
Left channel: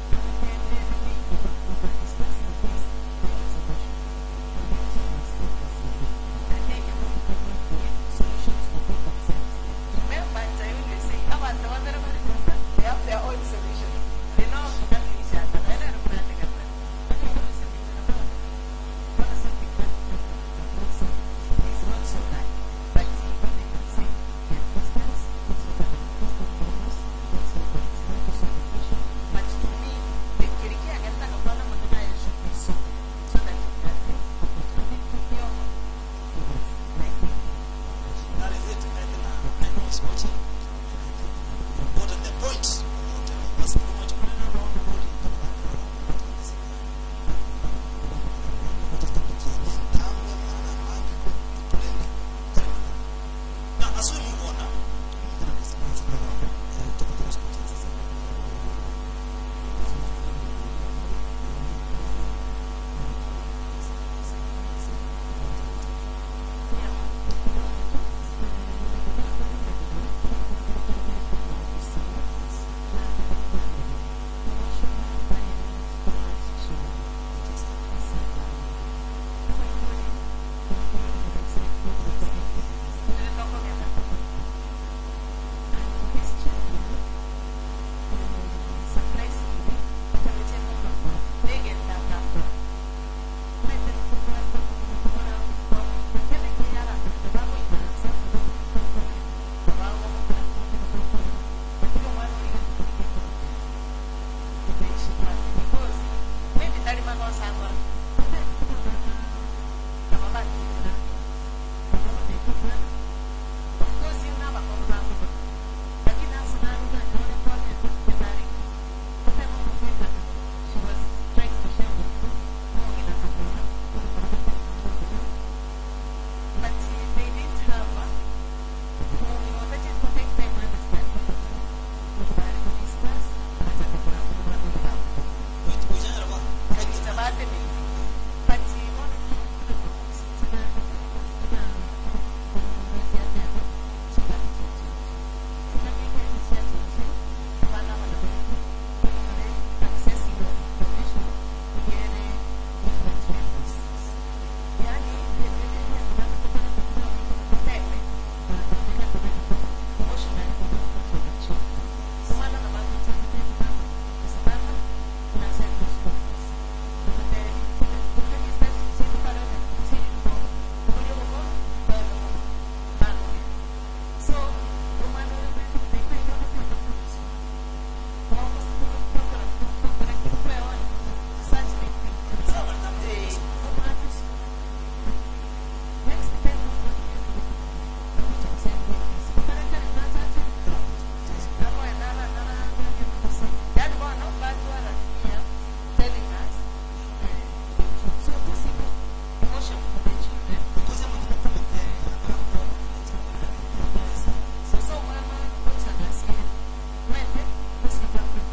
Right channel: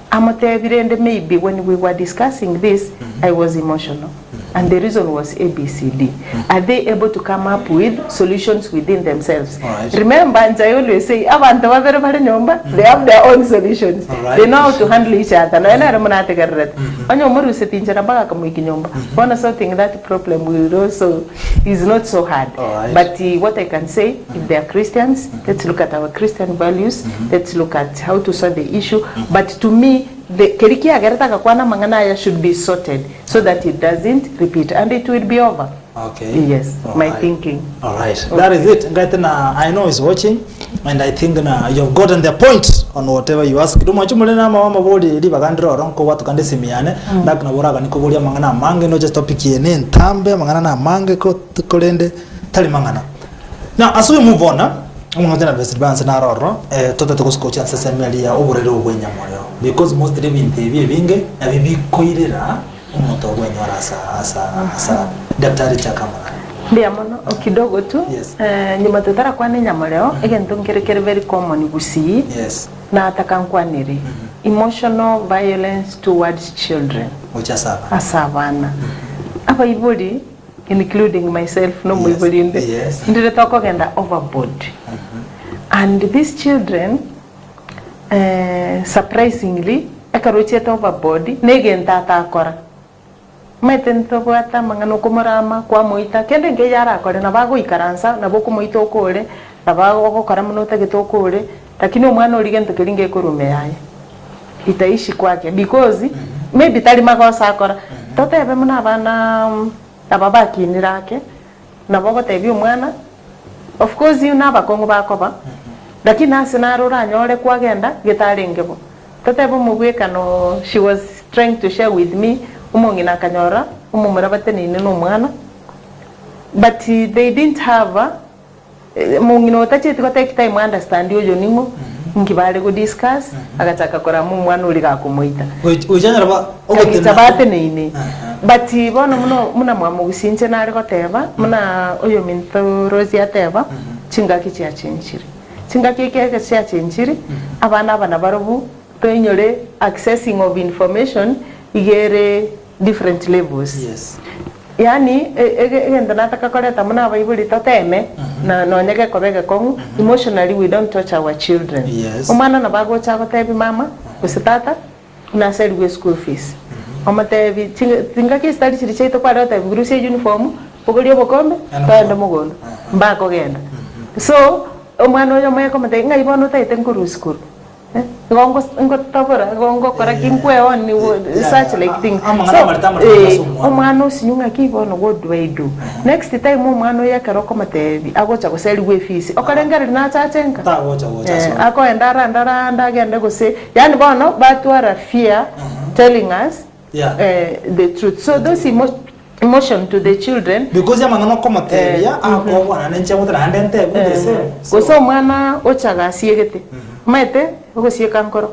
Maybe when we were discussing this, I was emotional. And the reason was ABCD. Are they able to come up with solutions within themselves? Remember, and I always say, they have their own solutions. They know how to handle each other. One something that problem will also is not so hard. But what I can say, if they are Christians, let's look at our Christian values. Let's look at how to solve the issue. But to me, the keriki agarata kakwana manganaya should be sorted so that it doesn't repeat and it will be over. Okay. Yes, my thinking. All right. That is it. I know he's watching. and I think na you've gotten the point on whatever you ask. Tumo chumule na mama bodi li bagandro ronko watu kande simiane dak na buraga niko bolia mangana mange no just topic yene ntambe mangana na mange ko kolende tali mangana. Now as we move on umongana best balance na roro tota to ko chance semeli ya oborero ogwenya moyo because most of them binge na bibi koirera umuntu ogwenya asa daktari chakamara. Bia mono kidogo tu Yes. Nyuma tutara kwa ni nyamoleo egento nkerekere very common busi. Yes. Na atakankwaniri emotional violence towards children asabana aba ibodi including myself no muibodi inde ndire toko genda overboard and these children surprisingly akarochie overboard negenta atakora metento bwata mangano kumurama kwa muita kende ngeyara akore na bago ikaransa na boko muito okore na bago gukora muno tegitoko ore lakini umwana urigento kiringe kurume yaye itaishi kwake because maybe tali makosa akora totebe muna abana ababaki nirake na bogo tebi umwana of course you naba kongo bakoba lakini asinarura anyore kwagenda gitaringebo totebe mugwekano she was trying to share with me umongina kanyora umumura bateni no mwana but they didn't have mungino tachiti ko take time understand yo ningo ngibale go discuss agataka kora mu mwana uri ga kumuita ujanyara ba ogotabate nini but bono muna mwamu gusinje nari goteba muna oyo minto Rosie ateba chingaki kya chenchiri chingaki keke kya chenchiri abana barobu penyore accessing of information igere different levels. Yes. Yani egenda nataka koleta muna abaibuli toteme na nonyege kobege kongu emotionally we don't touch our children. Yes. Omwana na bago chako tebi mama kusitata na send we school fees. Omatebi tingaki study chiricheto kwa dota virusi uniform pogolio bokombe kaenda mugono mbako genda. So omwana oyo moyo komate ngai bono taite nguru school. Gongo tabora gongo kora kinkwe on such like thing so omwana usinyunga kibono what do I do next time omwana yakaroko matebi agocha guseli we fees okarengera na chachenka ako endara ndagende gose yani bono batwara fear telling us the truth so those emotion to the children because yamangano komatebi ako wana nenche mutara handente gudese so mwana ochaga siegete mete ugosieka nkoro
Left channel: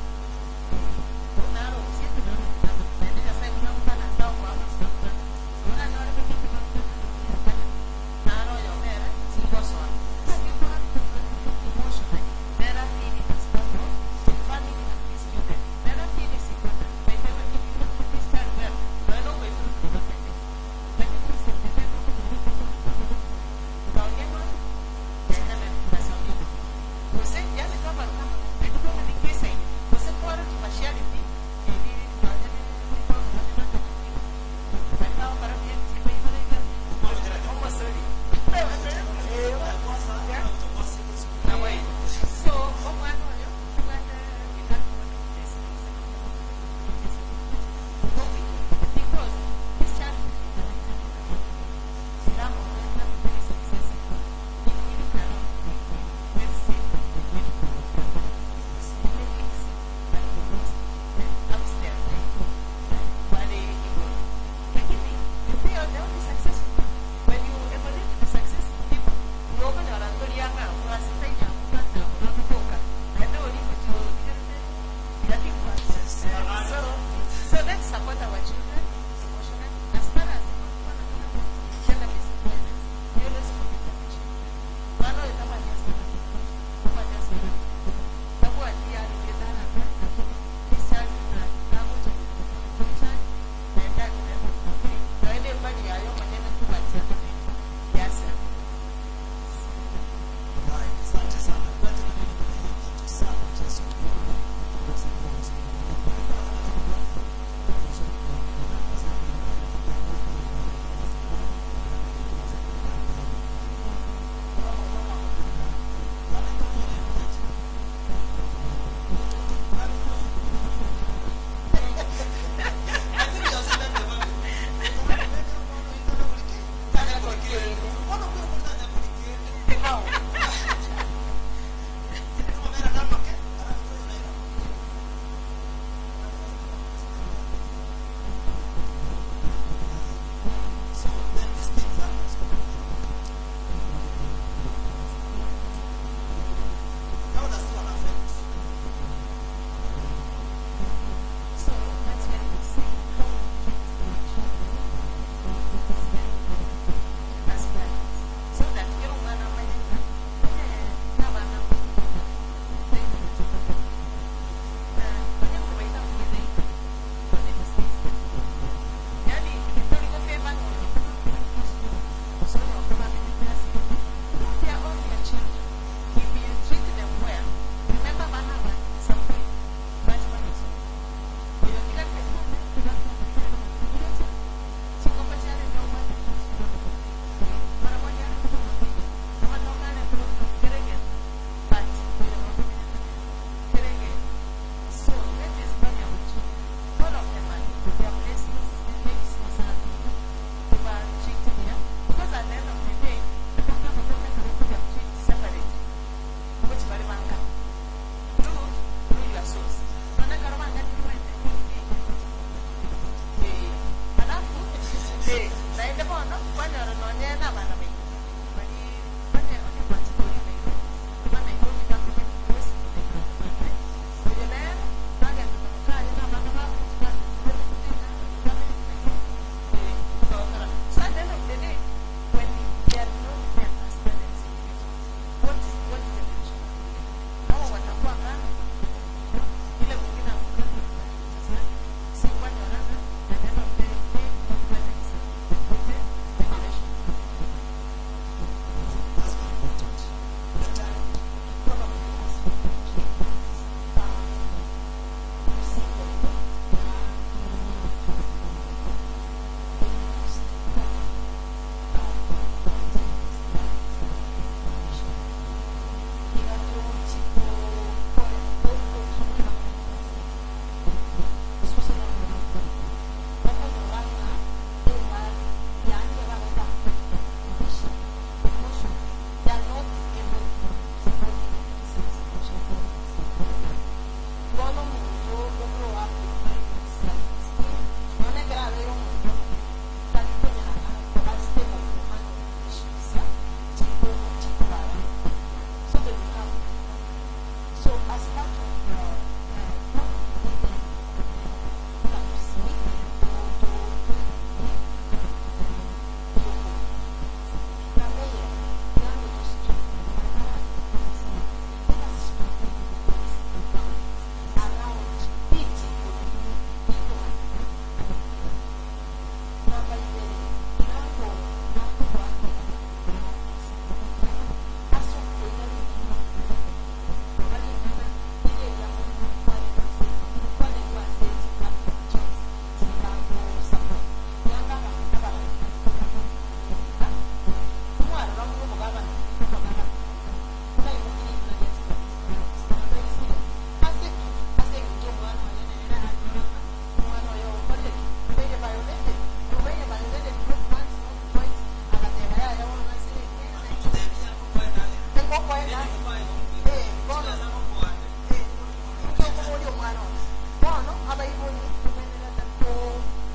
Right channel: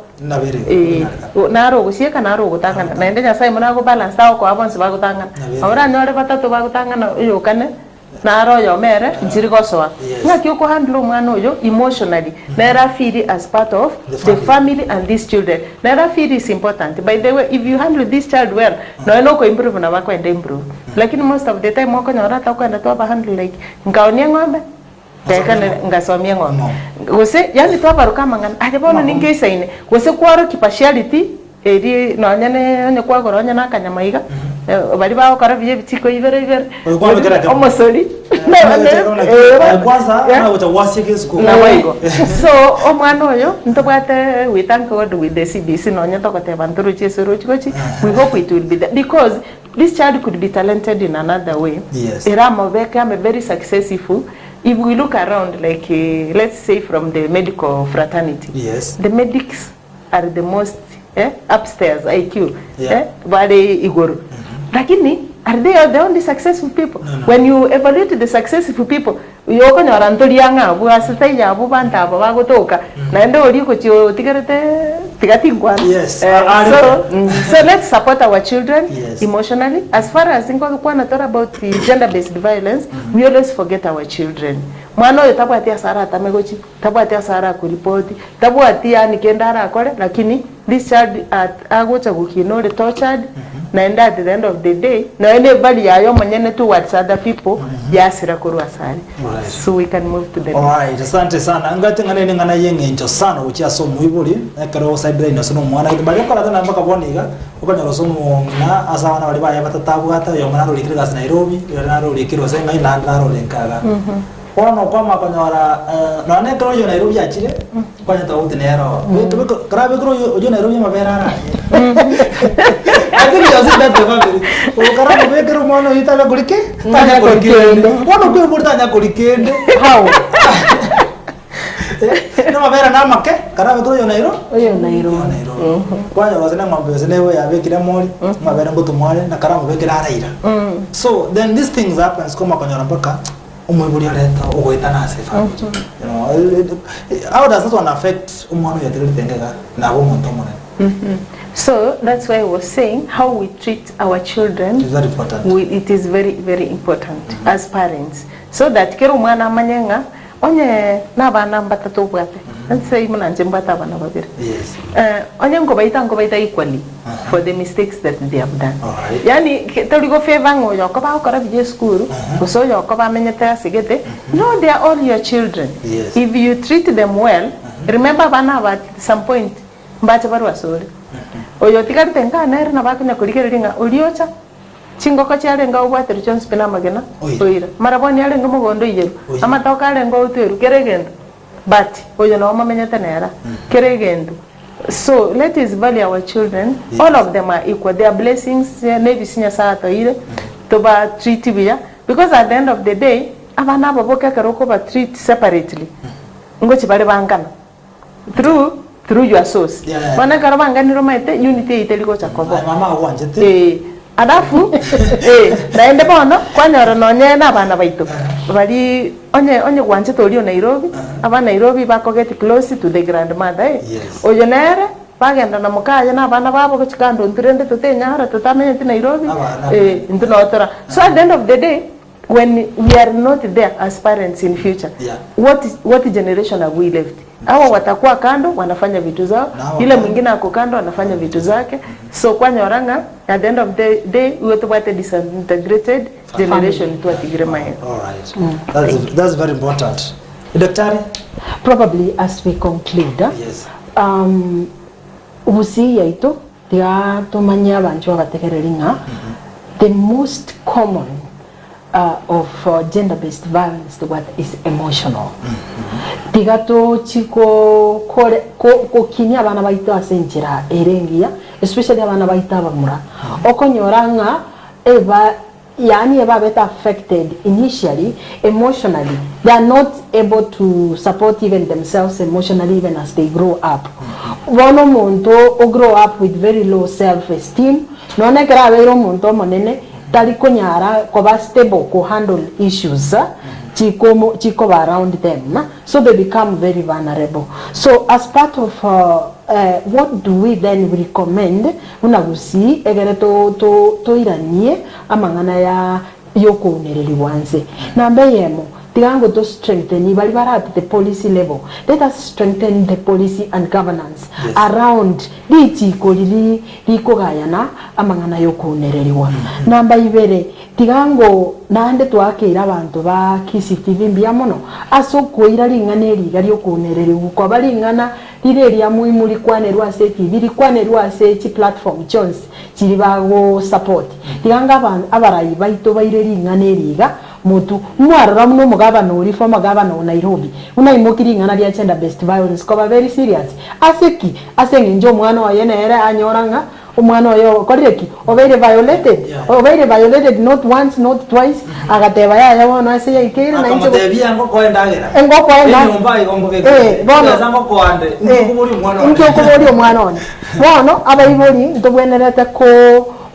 naro ugosieka naro ugutangana na ende nyasaye muna go balance tawo ko abonse bagutangana ahora nyore batatu bagutangana yo kane naro yo mere njiri gosoa ngaki uko handle mwana oyo emotionally nera feel as part of the family and these children nera feel is important by the way if you handle this child well no ko improve na bako ende improve lakini most of the time wako nyora ta kwenda to ba handle like ngaonia ngombe tekane ngasomia ngombe gose yani to baruka mangana adebono ningesa ine gose kwaro kipashality eri nonyane onye kwagoro onye nakanyamaiga bari bawo kara biye bitiko ivere omosoli kwanza na utawasike school na waigo so omwana oyo ntobwate we thank God with the CBC nonye tokoteba nturu chesero chikochi we hope it will be there because this child could be talented in another way. Yes. Eramo Veka am very successful. If we look around, like let's say from the medical fraternity, yes, the medics are the most upstairs IQ. Very igoro. Lakini are they the only successful people? No. When you evaluate the successful people, you open your antolianga, who are sitting ya bubanta, bagotoka, nando oriko tigarete tigatingwa. Yes. So let's support our children emotionally. As far as think about the gender-based violence, we always forget our children. Mwana oyo tabwatia sara tamegochi, tabwatia sara kuripoti, tabwatia nikendara akore, lakini this child agocha gukinore tortured. And at the end of the day, no anybody ayo manyene towards other people, yasira kuru asali. So we can move to the next. Alright, asante sana. Ngati ngane ngana yenge njo sana uchi so muibuli. Ekero cyber ino sono mwana ibali ko latana mpaka boniga. Ukanya rosomo na asawana bali baya batatabu hata yo ngana ro likira Nairobi, yo ngana ro likiro senga ina ngana ro lenkaga. Ono kwa makonyora no ne kro yo Nairobi achire. Kwanya tawuti nero. Tubiko krabe kro yo Nairobi mabera. Akiri yosi date family. Ukara kubekero mwana itala kulike? Tanya kulikende. Wono kwe murta nya kulikende. How? no mabera na make kana betro yo nairo oyo nairo kwanya wasena ngombe wasena we abekira mori mabera mbuto mwale na karamu bekira araira so then these things happens koma konyora mpaka umwebuli aleta ogweta na se family you know how does that one affect umwana yatirite tengega na bo muntu mona So that's why I was saying how we treat our children. It's very important. It is very, very important as parents. So that kero mwana amanyenga onye na bana batatu bwate. Let's say mwana njembata bana babiri. Yes. Onye ngo baita equally for the mistakes that they have done. Alright. Yani torigo favor ngo yoko ba okora bije school, kuso yoko ba menyete asigete. No, they are all your children. Yes. If you treat them well, remember bana at some point mbache barwa sorry. Oyo tikari tenga nere na bakunya kurikeringa uliocha chingoko charenga ubwateri John Spina magena oira maraboni arenga mugondo iyeru amatoka arenga uteru keregendo but oyo no mamenyete nera keregendo. So let us value our children. Yes. All of them are equal. They are blessings. Nevi sinya saa toire to ba treat biya because at the end of the day abana baboka karoko ba treat separately ngochi bare bangana through your source. Wana karabanga ni romaite unity iteliko chakobo. Mama wanjete. Adafu naende bono kwanyora nonye na bana baito. Bali onye wanjete oli Nairobi, aba Nairobi bako get close to the grandmother. Yes. Oyo nere bagenda na mukaya na bana babo kuchikando ntirende tutenya tutamenye ti Nairobi. Ntunotora. So at the end of the day when we are not there as parents in future, what generation have we left? Hawa watakuwa kando wanafanya vitu zao, yule mwingine ako kando anafanya vitu zake. So kwa nyoranga at the end of the day we to what a disintegrated generation to atigrema. All right. That's very important. Daktari, probably as we conclude, yes. Ubusi yaito dia tumanya bantu abatekereringa the most common of gender-based violence what is emotional. Tigato chiko kore ko kinya abana baito asenjira erengia especially abana baito abamura okonyoranga eba yani eba beta affected initially emotionally. They are not able to support even themselves emotionally even as they grow up. One monto o grow up with very low self-esteem no ne grave ro monto monene tali konyara ko ba stable ko handle issues chiko around them, so they become very vulnerable. So as part of what do we then recommend unagusi egere to iranie amangana ya yoko nereli wanze nambe yemo tigango to strengthen bali at the policy level. Let us strengthen the policy and governance around lichiko lili likogayana amangana yoko nereliwa namba ibere tigango nande twakira abantu ba KCTV mbiamono asokuira lingane ligali okunerere uko balingana lire lya muimuli kwanerwa se TV likwanerwa se chi platform Jones chiri bago support tiganga abantu abarayi baito baire lingane liga mutu mwarara muno mugabana uri from magabana Nairobi unaimokiri ngana lya gender based violence ko very serious aseki asengenjo mwana wa yenere anyoranga umwana oyo koreki obeire violated not once not twice agateba ya wana ase yakire na incho akamutebia ngoko endagera engoko enda nyumba igombo beke bono ngoko ande ngukuburi umwana into kuburi umwana one bono abayibori ntobwenerete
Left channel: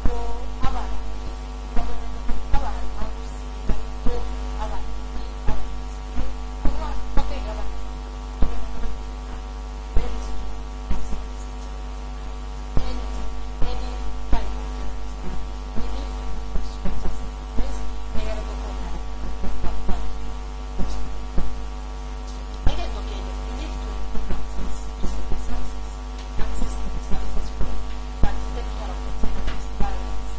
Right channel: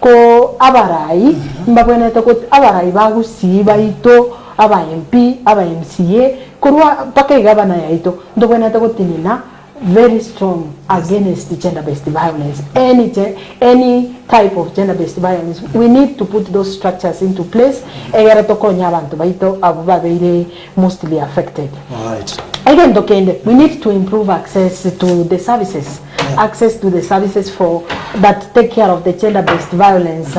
ko abarayi mbabwenerete ko abarayi bagusiba ito aba MP aba MCA kurwa paka igabana ya ito ntobwenerete ko tinina very strong against gender-based violence. Any type of gender-based violence, we need to put those structures into place. Mostly affected. Right. Again, we need to improve access to the services, access to the services for that take care of the gender-based violence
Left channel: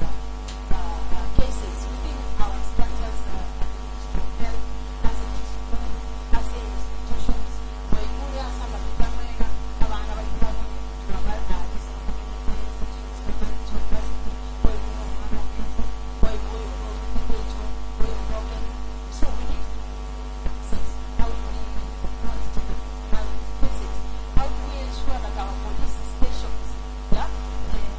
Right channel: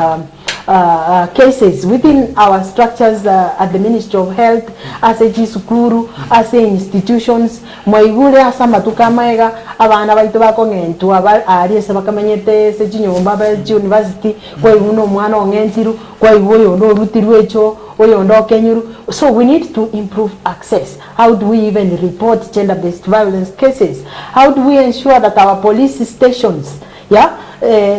cases within our structures at the Ministry of Health, as a Jisukuru, as a institutions. Moigule asamba tukamaiga abana baito bakongentu ari sebakamanyete se chinyomba ba university kwa uno mwana ongentiru kwa iwoyo ndo rutiru echo oyo ndo kenyuru. So we need to improve access. How do we even report gender-based violence cases? How do we ensure that our police stations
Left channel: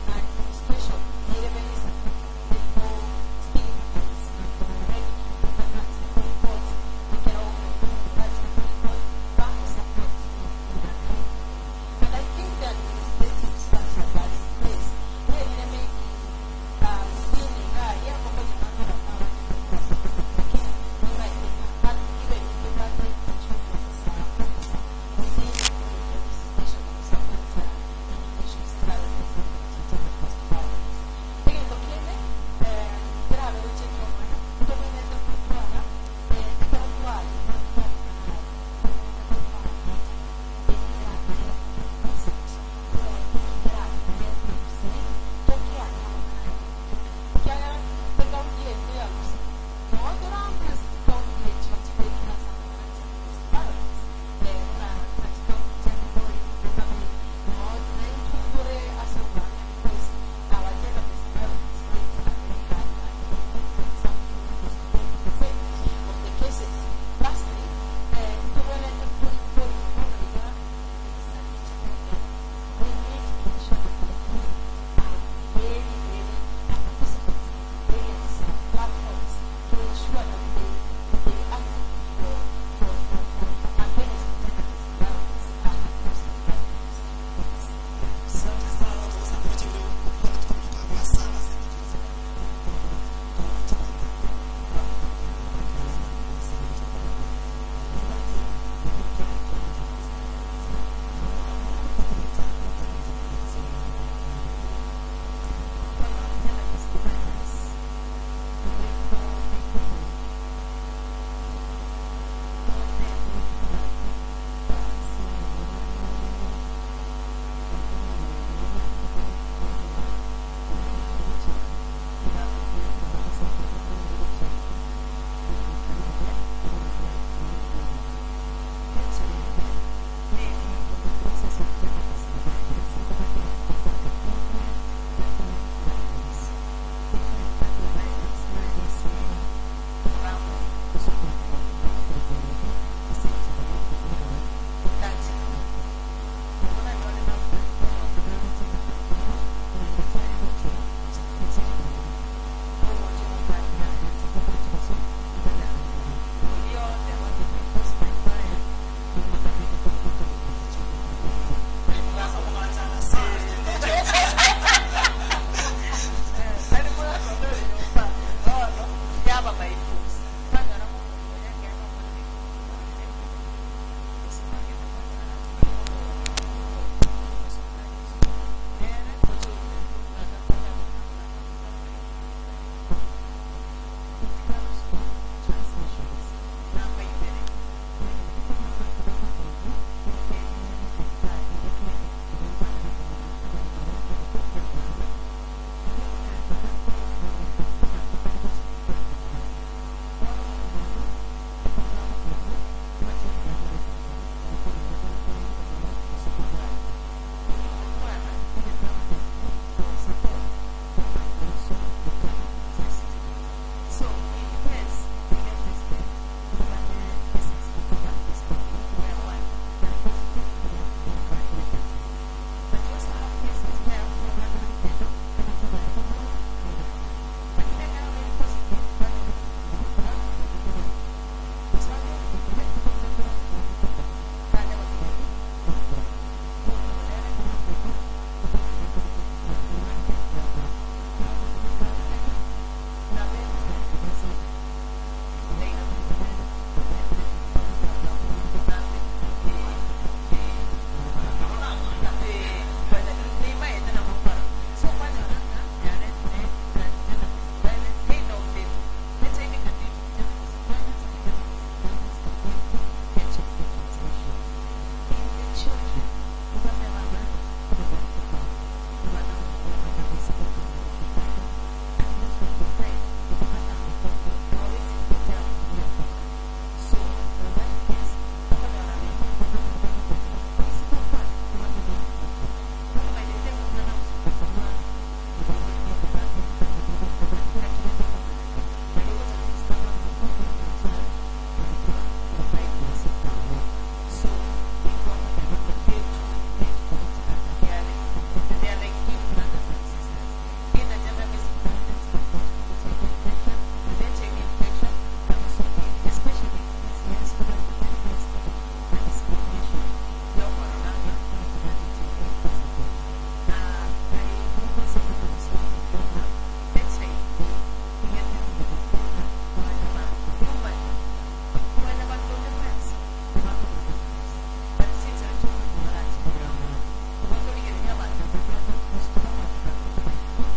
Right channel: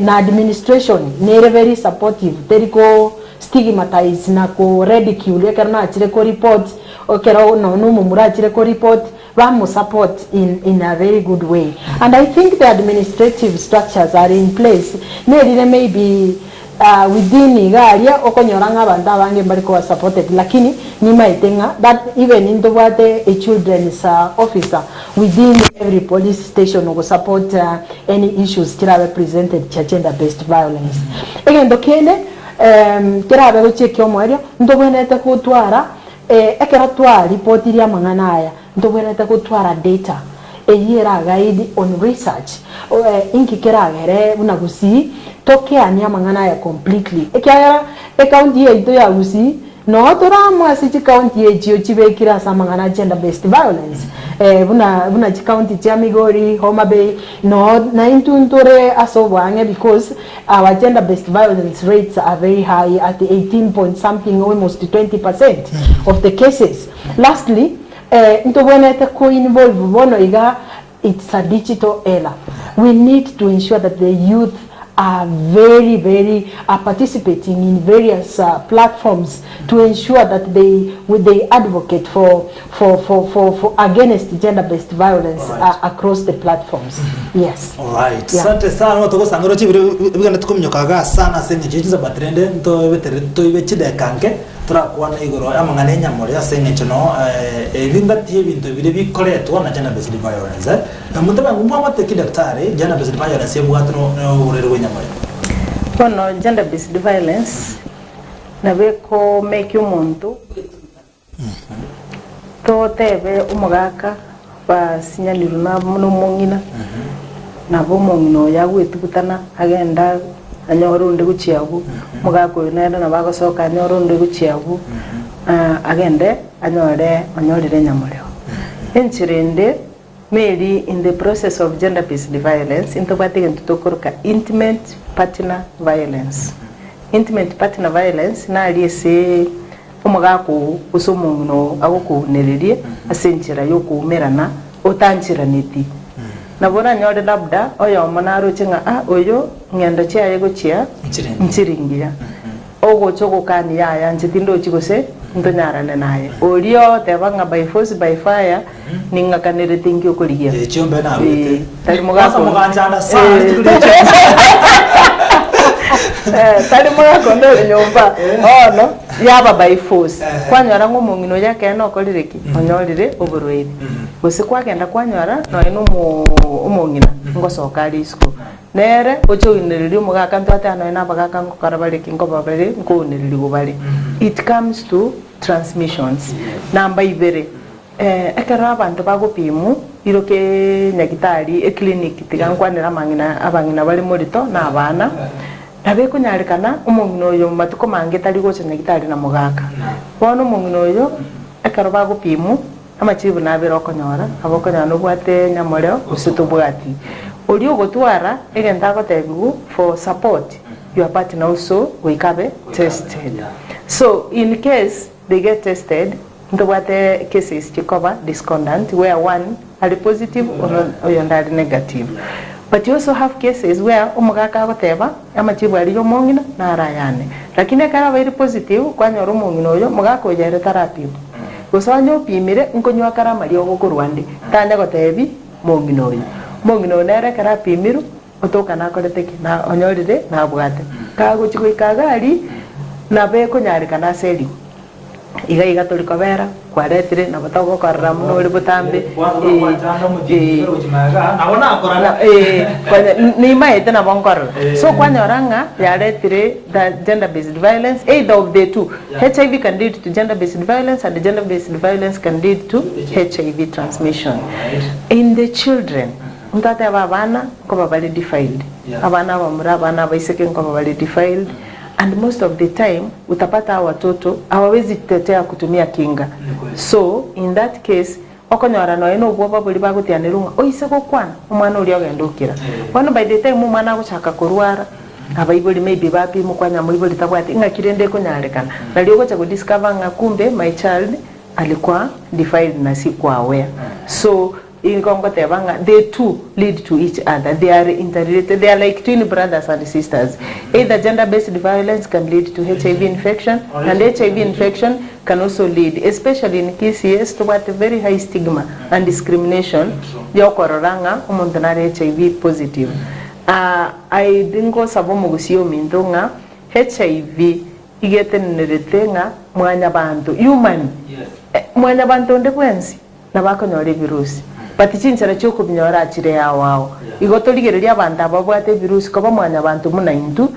na administration nere very supportive teriko stigmatize na ko ridicule karna achire ko report okera no mumura achire ko report bamu support in a very good way. And I think the administrative structures are in place. Maybe within igaria okonyoranga abantu abange bari ko supported, lakini nyima itenga that even in the wate a children's officer within every police station will support any issues kira presented gender based violence. Again dokene kira be check yo mwario ndobwenete kutwara ekera twa report iri amangana aya ndobwenete kutwara data eyira guide on research inki kira gere unagusi toke anya mangana ya completely ekya county yetu ya gusi no toramwa si county yetu chibekira samangana gender based violence buna county ya Migori, Homa Bay no na intuntore asobwange because our gender based violence rates are very high at 18 point something, almost 20% of the cases. Lastly, ntobonete ko involve bono iga it's a digital era. We need to ensure that the youth are very participating in various platforms to ensure that they advocate for against gender-based violence across the platforms. Yes. All right. Sante sana watu sangoro chibire bigana tukumnyokaga sana senye chiza batrende to ibechide kanke tra kwana igoro amangane nyamore senye chono linda tie bintu bire bikoretwa na gender-based violence. Mutaba ngumwa mateki daktari gender-based violence yebwatno urerwe nyamore. Kono gender-based violence nabeko make umuntu to tebe umugaka basinyanira na muno mungina nabo mungino yagwitukutana agenda anyorunde guciyabu mugako nenda nabagosoka anyorunde guciyabu agende anyorire nyamureo enchirende maybe in the process of gender-based violence into batigento tokoruka intimate partner violence. Intimate partner violence na aliese umugako usomuno agokunererie asenchira yokumerana otanchira neti nabona nyode labda oyo manaro chinga oyo ngenda chia yego chia nchiringira ogo choko kani ya nchitindo chikose ndonyarane naye olio tebanga by force by fire ninga kanere thingi okoligia chombe nawe tali mugako muganjanda sana tali mugako ndo nyomba no yaba by force kwanyora ngomungino yake no kolireki onyorire oborwedi bose kwagenda kwanyora no ino umungina ngosoka ali school nere ocho iniriri mugaka ntwatano ina bagaka ngokarabale kingobabale nkoniriri gobale. It comes to transmissions namba ibere ekara abantu bagopimu iroke nyagitari clinic tigangwanira mangina abangina bali morito na abana nabe kunyarikana umungino yo matuko mange tali gocha nyagitari na mugaka wono umungino yo ekara bagopimu amachibu nabero konyora abokonyana no bwate nyamoreo usitubwati olio gotwara egenda gotebu for support your partner also wake up tested. So in case they get tested ndo wate cases to cover discordant where one are positive or are negative. But you also have cases where umugaka goteba amachibu ali yo mongina na arayane lakini kara very positive kwanya ro mongino yo mugaka ojere therapy gosanyo pimire nkonywa kara mari ogokurwande tanya gotebi mongino yo mongino nere kara pimiru otoka na koleteki na onyoride na bwate kago chiko ikagari na be kunyarika na seli iga toliko bera kwaretire na batago karra muno uri butambe ni maete na bonkor so kwanyoranga yaretire that gender based violence either of the two. HIV can lead to gender based violence and the gender based violence can lead to HIV transmission in the children. Mtata abana ko babali defiled abana bamura abana baiseke ko babali defiled and most of the time utapata watoto hawawezi kutetea kutumia kinga. So in that case okonyora no eno bwo babuli bagutianirunga oise ko kwana umwana uri ogendukira one by the time umwana guchaka kurwara abaibuli maybe bapi mukwanya muibuli tabwati ngakirende konyarekana nalio gocha ku discover nga kumbe my child alikuwa defiled na si kwa aware. So they too lead to each other. They are interrelated. They are like twin brothers and sisters. Either gender-based violence can lead to HIV infection, and HIV infection can also lead, especially in KCS, to what a very high stigma and discrimination. Yokororanga umontanare HIV positive. I dingo sabomo gusio mindonga HIV igeteneretenga mwanya bantu human. Mwanya bantu ndekwensi na bako nyore virusi. But chinchara choko binyora achire yao. Igotoligereria abantu ababwate virusi koba mwanya bantu muna indu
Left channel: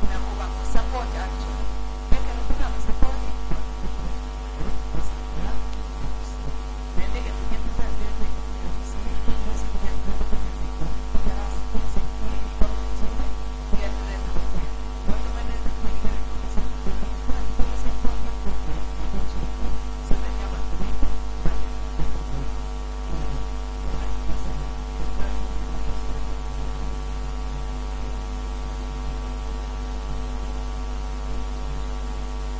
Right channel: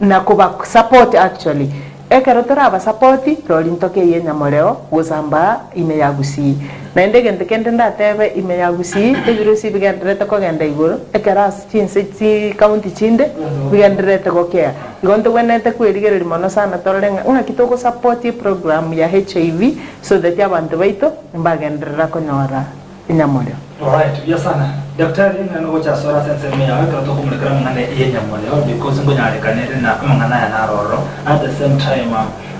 na kuba support actually. Ekerotora aba support roli ntoke yenya moreo gusamba ime yagusi. Na ndege ndekende ndatebe ime yagusi virusi bigendrete ko genda igoro ekeras chinse chi county chinde bigendrete ko care. Igonto wenete kwerigereri mono sana torenga una kitoko support program ya HIV so that abantu baito mbagendera konyora inyamoreo. Alright, vya sana. Daktari na ngocha sora sense me ya kwa to kumulekera ngane inyamoreo because ngonya rekanere na mangana ya naroro at the same time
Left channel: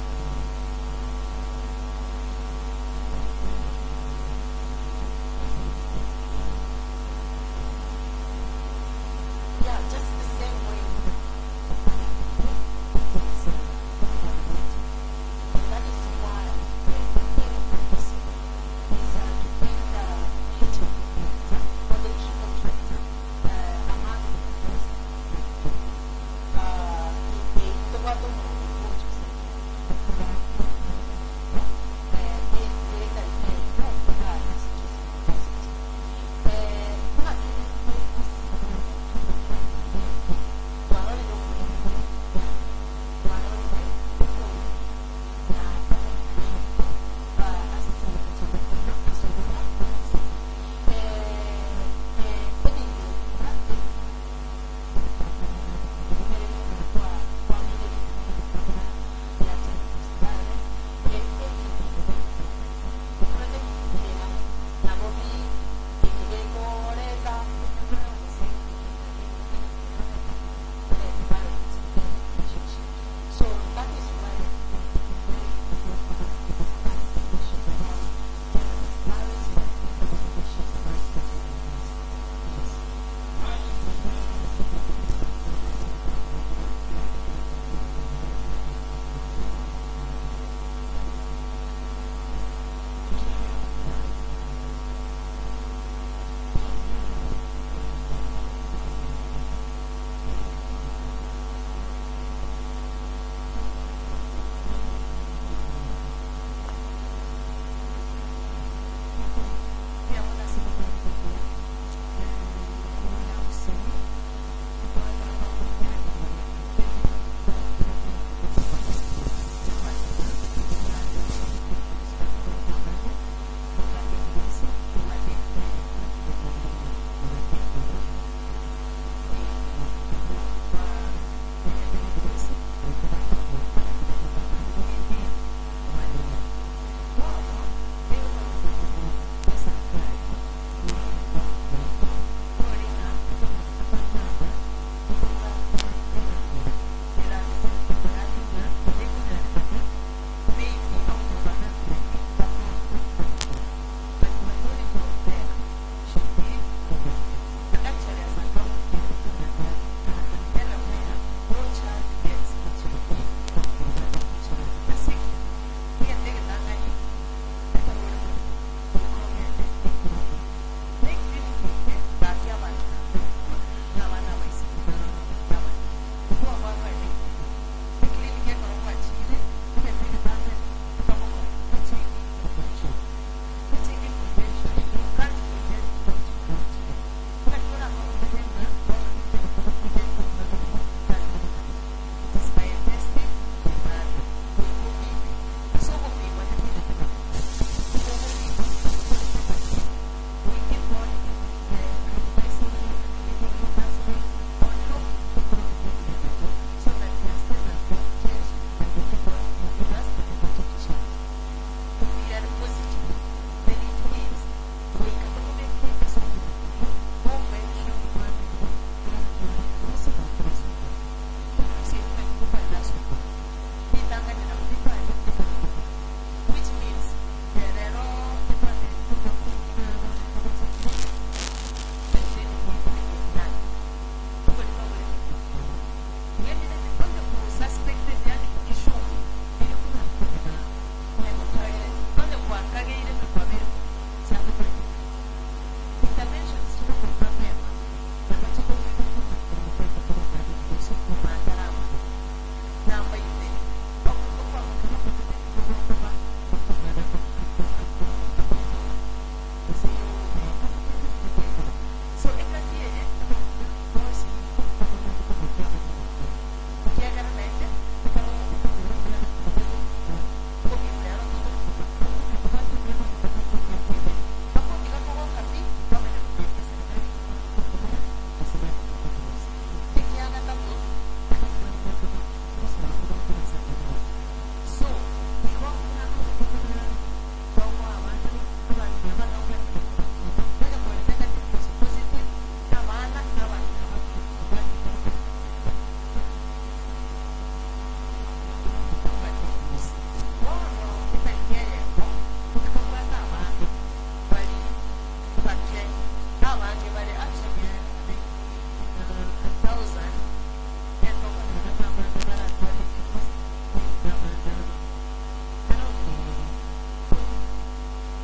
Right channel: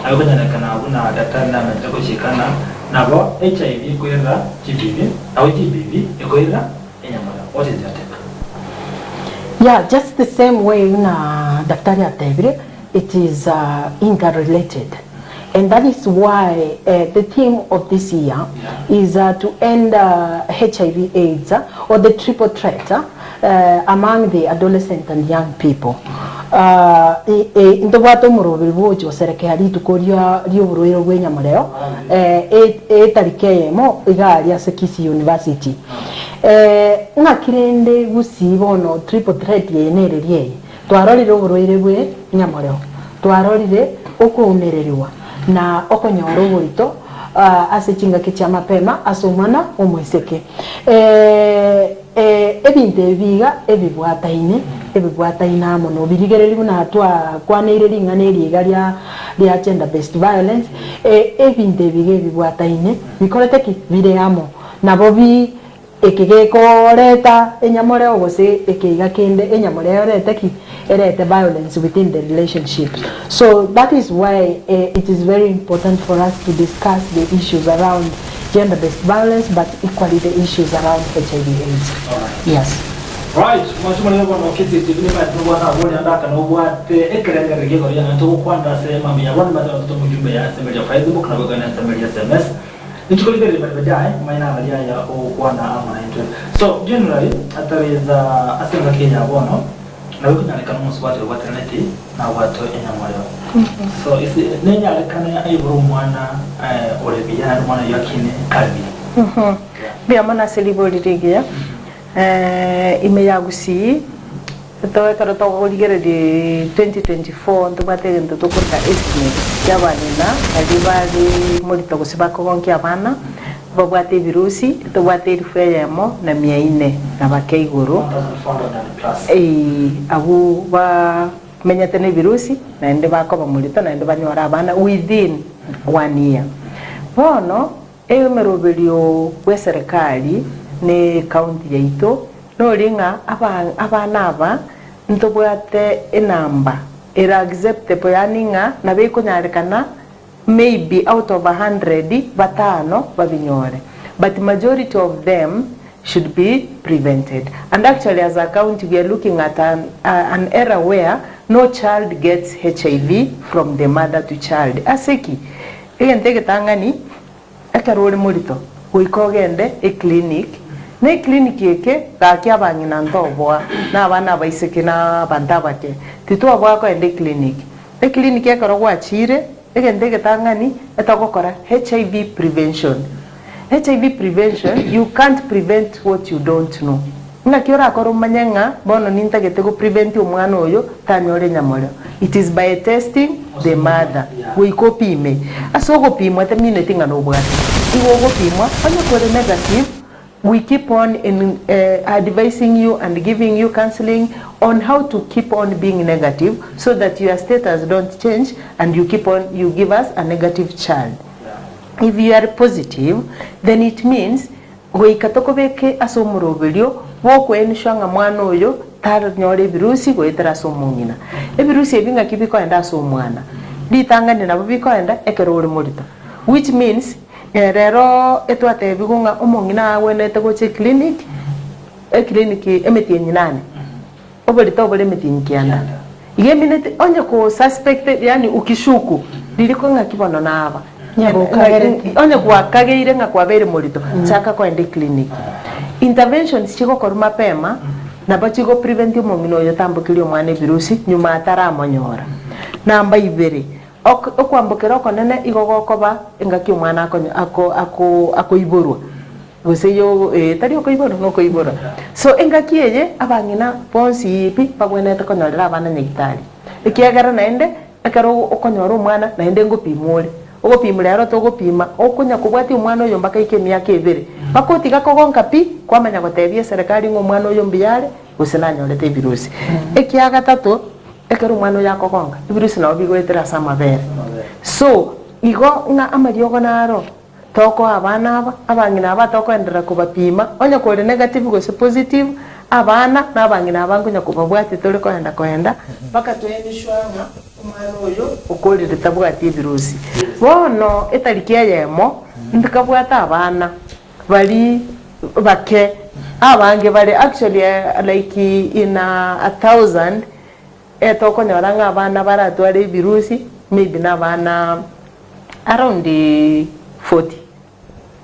ayonya nekana una daktari na mtako shikana nabo HIV kwera GBV au GBV kwera inyamoreo. What is your take? Yeah, just the same way na daktari atebire, it is interrelated. And that is why the theme of this year is to end HIV AIDS or the triple threat among the adolescent and young people. Ndo watu murobiri bojo serikali tukoria rioburwero rw'Enyamureo etarike mo igari asekisi university ngakirende gusibono triple threat yenererie twarorire uburwere bw'Enyamureo twarorire okunereriwa na okonyoro burito asichinga kicha mapema asomana omwiseke ebinte biga ebibwataine mono birigereri buna atwa kwaneire ringaneri garia ria gender based violence ebinte biga ebibwataine bikorete ki bire amo nabo bi ekigekoreta Enyamureo gose ekiga kende Enyamureo rete ki erete violence within the relationships. So that is why it is very important for us to discuss the issues around gender-based violence, but equally the issues around HIV/AIDS. Yes. Right. Mwachuma leo na kiti tibini ba tuwa na woni andaka na ubwate ekerenge regego ya nto kwanda sema mia wani ba to mujumbe ya sema ya Facebook na bogana sema ya SMS. Nichukulie ile baadaye maana baada ya kuona ama na. So generally ataweza asema Kenya bono na wiki na kama mswati wa teneti na watu Enyamureo. So isi nenya lekana aiburu mwana olebia mwana yakine kalbi. Bia mana seliboliregia ime yagusi to karo to oligere de 2024 to batege ndo tokorka estimate yabanina adibali molito gusibako konki abana babwate virusi to bwate rifeyemo na miaine na bakeiguru abu ba menyatene virusi na ende bakoba molito na ende banyora abana within 1 year bono emerobelio we serikali ne county yaito no ringa abana aba ntobwate enamba era acceptable yaninga na beko nyarekana maybe out of 100 batano babinyore, but majority of them should be prevented. And actually as a county we are looking at an era where no child gets HIV from the mother to child. Aseki egentege tangani akarole molito uikogende e clinic ne clinic yeke gaki abanyina ndobwa na abana baiseke na bandabake titwa bwako ende clinic e clinic yakarogwa chire egentege tangani etagokora HIV prevention. HIV prevention, you can't prevent what you don't know. Ngakiora akoro manyenga bono nintagete go prevent umwana oyo tanyore Enyamureo. It is by testing the mother. We copy me. Aso go pimwa temine tinga no bwati. Iwo go pimwa anya kore negative. We keep on advising you and giving you counseling on how to keep on being negative so that your status don't change and you give us a negative child. If you are positive, then it means we katokobeke asomurobelio woko enshanga mwana oyo tar nyore virusi go etara somungina e virusi ebinga kibiko enda somwana ditanga nina bibiko enda ekerole molito, which means rero etwatebi gunga omong'ina awenete goche clinic clinic emetienyi nane oborito obore emetienyi kianda ige minute onye ko suspected yani ukishuku liliko nga kibono naba onye kwakageire nga kwabere morito chaka kwende clinic interventions chiko kor mapema na bachigo prevent omong'ina oyo tambukiri omwana virusi nyuma ataramonyora namba ibere okwambukira okonene igogokoba engaki omwana ako iborwa gose yo tari okoibora nokoibora so engaki eye abang'ina bonsi ipi babwenete konyorera abana nyagitari ekiagera naende ekero okonyora omwana naende ngopimore ogopimura aro togopima okonya kubwati omwana oyo mpaka ike miaka ebere bakotiga kogonka pi kwamanya gotebia serikali ng'omwana oyo mbiyare gose nanyorete virusi ekiagatatu ekero omwana oyo akogonka virusi nabo bigoetera ase amabere so igo ng'a amariogo naro toko abana aba abang'ina aba tokoenderera kubapima onye kore negative gose positive abana n'abang'ina abangonya kubabwati tore koenda mpaka twenyishwanga omwana oyo okorire tabwati virusi bono etariki eyemo ndikabwata abana bali bake abange bali actually like in 1,000 etokonyora ng'abana baratwara virusi maybe n'abana around 40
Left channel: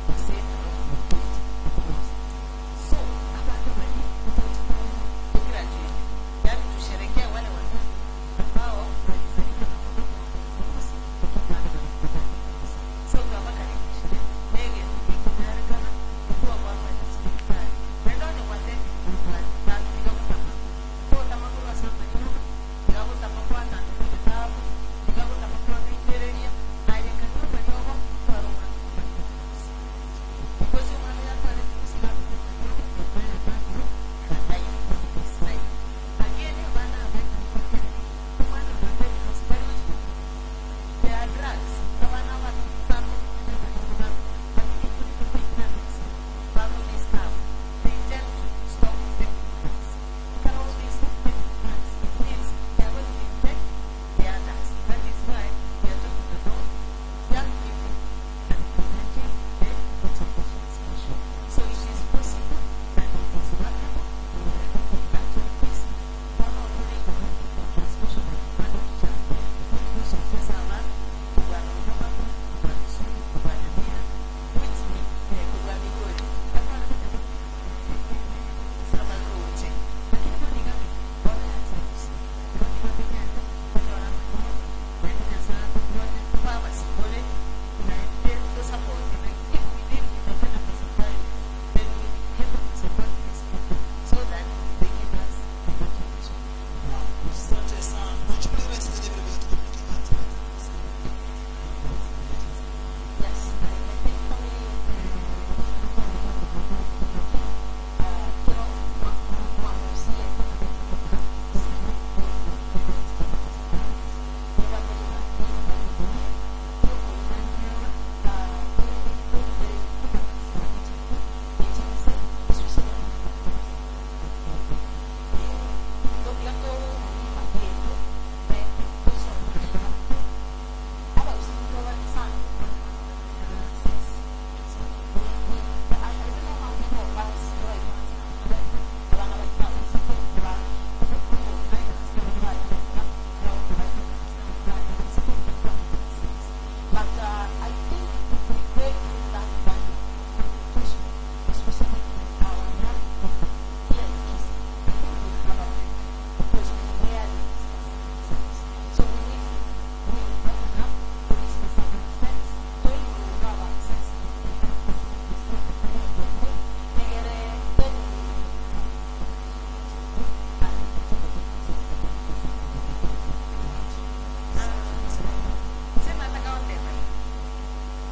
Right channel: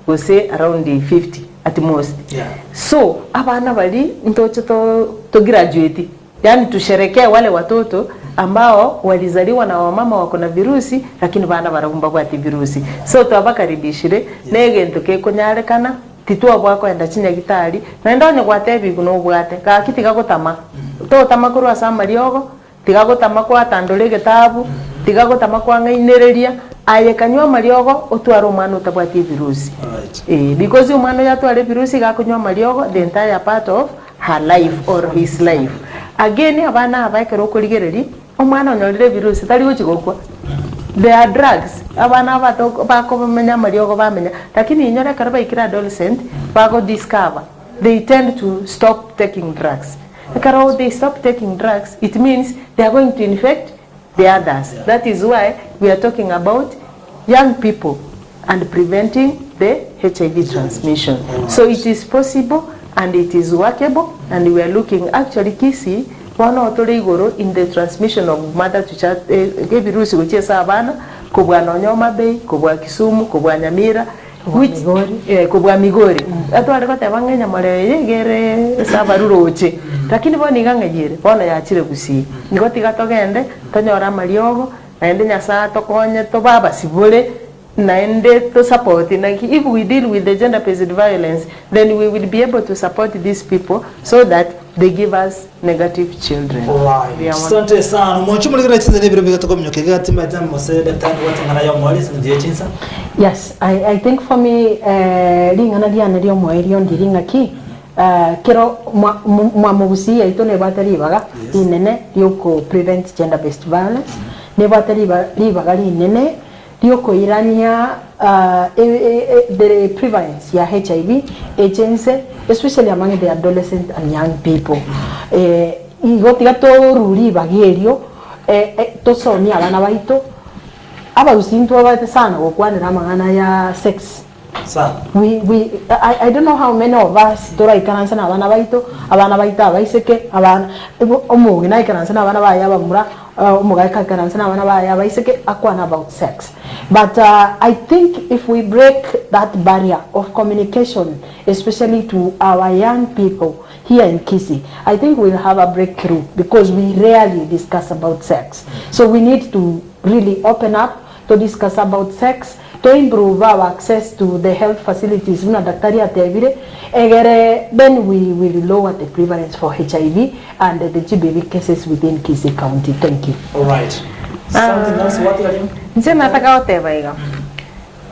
gose around 50 at most so abana bali ntoche to graduate yani tusherekea wale watoto ambao walizaliwa na wamama wako na virusi lakini bana barabumba kwa virusi so twabakaribishire negento kekonyarekana titwa bwako enda chinya gitari na ndonye gwatebi kuno bwate ka kitiga gotama to tamakuru asa mariogo tiga gotama kwa tandole gitabu tiga gotama kwa ngainereria ayekanywa mariogo otwara omwana otabwati virusi because omwana yatwara virusi gakunywa mariogo the entire part of her life or his life again abana abaikero okorigereri omwana onyorire virusi tari gochigokwa there are drugs abana abatoko bakomenya mariogo bamenya lakini inyore karaba ikira adolescent bago discover they tend to stop taking drugs because they stop taking drugs it means they are going to infect the others. That is why we are talking about young people and preventing the HIV transmission. So it is possible and it is workable, and we are looking actually Kisii wana otoleigoro in the transmission of mother to child virusi gochesa abana kobwa Nonyoma Bay, kobwa Kisumu, kobwa Nyamira, kobwa Migori atware batebangenya mareye gere sabaruroche lakini boni gang'ayire bona yachire Gusii nigo tigatogende tonyora mariogo naende nyasa tokonye to baba sibure naende to support like if we deal with the gender based violence then we will be able to support these people so that they give us negative children. Right. Asante sana. Mwachumulikira chinza ni birebe gatoko mnyokega tima jamu mosede tangu watangana ya mwali sindiye chinza. Yes, I think for me ringa na diana rio mwali yondi ringa ki kero mwamugusi ya itone batari baga inene yoko prevent gender based violence ne batari baga inene yoko irania the prevalence ya HIV agents especially among the adolescent and young people igotiga to ruri bagerio to sonia abana baito aba usinto abate sana okwanira amangana ya sex I don't know how many of us dora ikaransa na abana baito abaiseke abana omugi na ikaransa na abana baya bamura omuga ikaransa na abana baya baiseke akwana about sex. But I think if we break that barrier of communication, especially to our young people here in Kisii, I think we'll have a breakthrough because we rarely discuss about sex. So we need to really open up to discuss about sex, to improve our access to the health facilities. Then we will lower the prevalence for HIV and the GBV cases within Kisii County. Thank you. All right. Something else, what are you? Nje nataka otebaiga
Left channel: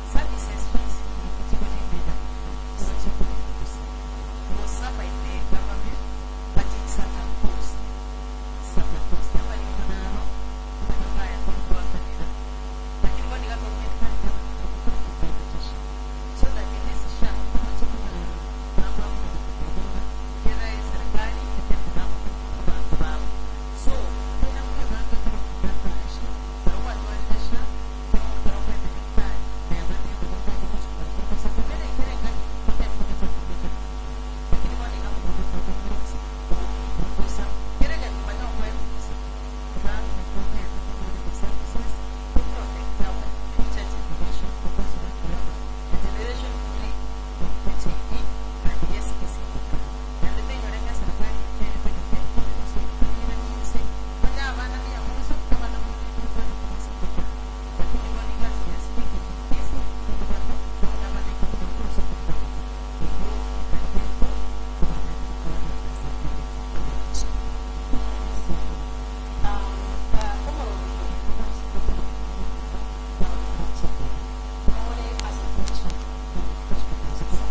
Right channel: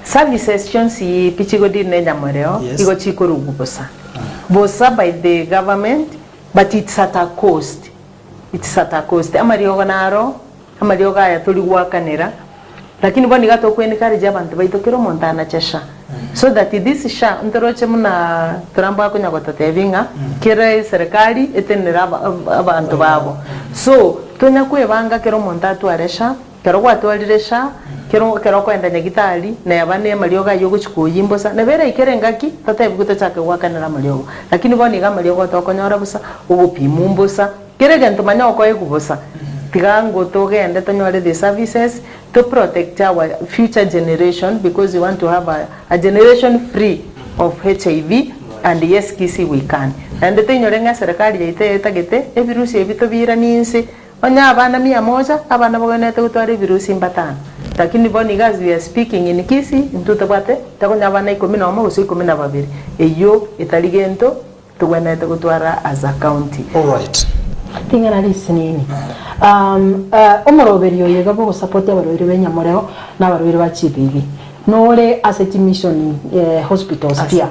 services chonsi pichigo dirne nyamoreo igo chikoro bubosa bosa by the government but it's at a cost. Amariogo naro amariogo ya tuli wakanera lakini boni gato kweni kari jabantu baito kero montana chesha so that this sha ndoroche muna turamba kunya gototevinga kire serikali etenera abantu babo so tonya kwebanga kero montatu aresha kero gwatwaliresha kero kwenda nyagitari na yabane malioga yo guchikuyimbosa na bere ikerengaki tatebu gutachaka gwakanira maliogo lakini boni ga maliogo tokonyora busa ugupimumbosa kerege ntumanya okoye kubosa tigango togende tonyore the services to protect our future generation because we want to have a generation free of HIV and yes kisi we can and tenyorenga serikali yaite tagete evirusi ebitobira ninse onya abana 100 abana bogenete gutwara virusi mbatano lakini boni guys we are speaking in kisi ntutabate takonya abana 11 gusi 12 eyo italigento tugwenete gutwara as a county. All right. Tingana listening. Omoroberio yega bo support abarwiri benyamoreo n'abarwiri ba CPV. Nore asset mission hospitals pia.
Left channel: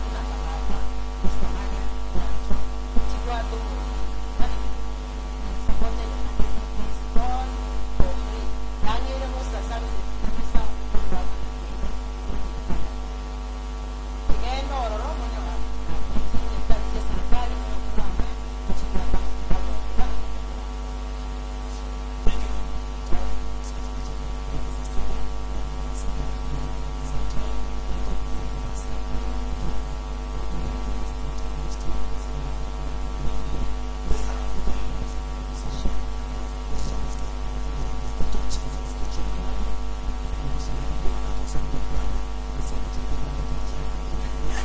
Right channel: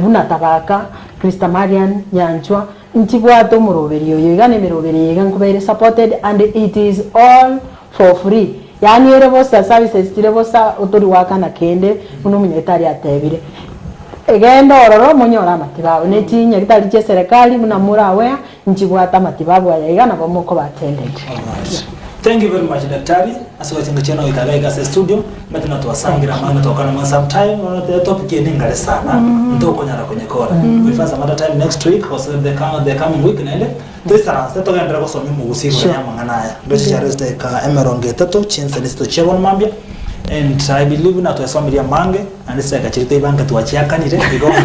Bunatabaka Krista Marian Yanchwa ntibwato omoroberio yega nemeroberio yega nkubere supported and it is all for free. Yani ere bosa services tire bosa otori waka na kende uno munyetari atebire. Egendo ororo munyora matibabu netinya kitali che serikali munamura aware njibwata matibabu ayigana bomoko batended. Thank you very much daktari. Asante cheno itaga se studio but na tuwasangira maana tokana mwa sometime on the topic ni ngale sana ndoko nyara kwenye kora. We find some other time next week or the coming week nende tesa seto gendera ko somi mu usiku ya manganaya. Ndochi cha rest ka emeronge tato chinse listo chebon mambia. And I believe na tuwasomiria mange and it's like a chirite banka tuwachiakanire because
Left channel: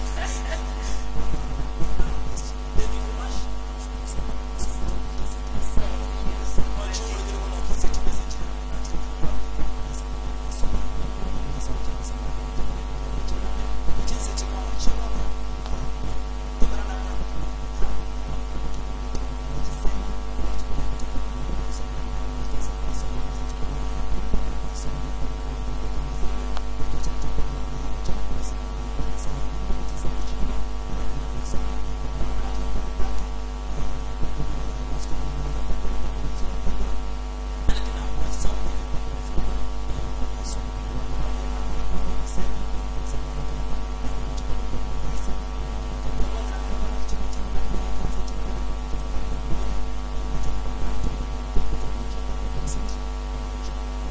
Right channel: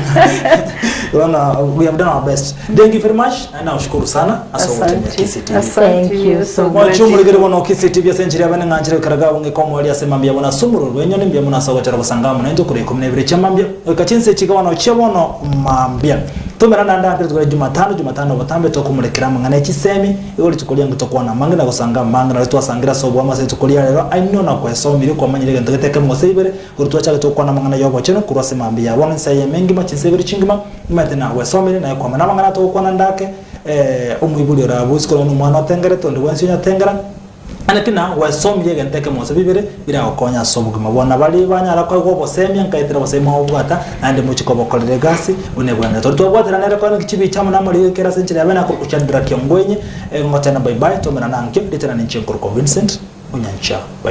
we have done our best. Thank you very much and nashukuru sana asante KCTV. Thank you so much. Wachumuri bono KCTV century abane nganjire karaga unge komwali asemambia bona sumuru wenyo mbia muna sawatera basangamo nendo kure 12 chamambia okachinse chigawana chebono mambia tumerana ndande tukore Jumatano batambe tokumulekera mangana kisemi iyo litukolia ngitokwa na mangana gusanga mangana twasangira sobo amase tukolia rero I know na kwa somiri kwa manyire ngeteke mosebere kurutwa cyane tokwa na mangana yobo cyane kurase mambia bona nsaye mengi machisebere chingima imatena we somiri na kwa mangana tokwa na ndake umwibuli rabusko no mwana tengere tondo wensinya tengera anakina wasomye genteke mose bibere bira okonya somuguma bona bali banyara kwa go bosemya nkaitira bosema obwata ande muchiko bokolere gasi unegwanda to bwatira nere kwa kichibi chamu na muri kera senchira bana ko kuchandira kyongwenye ngotana bye bye to mena nanke ditana ninche Vincent unyancha bye.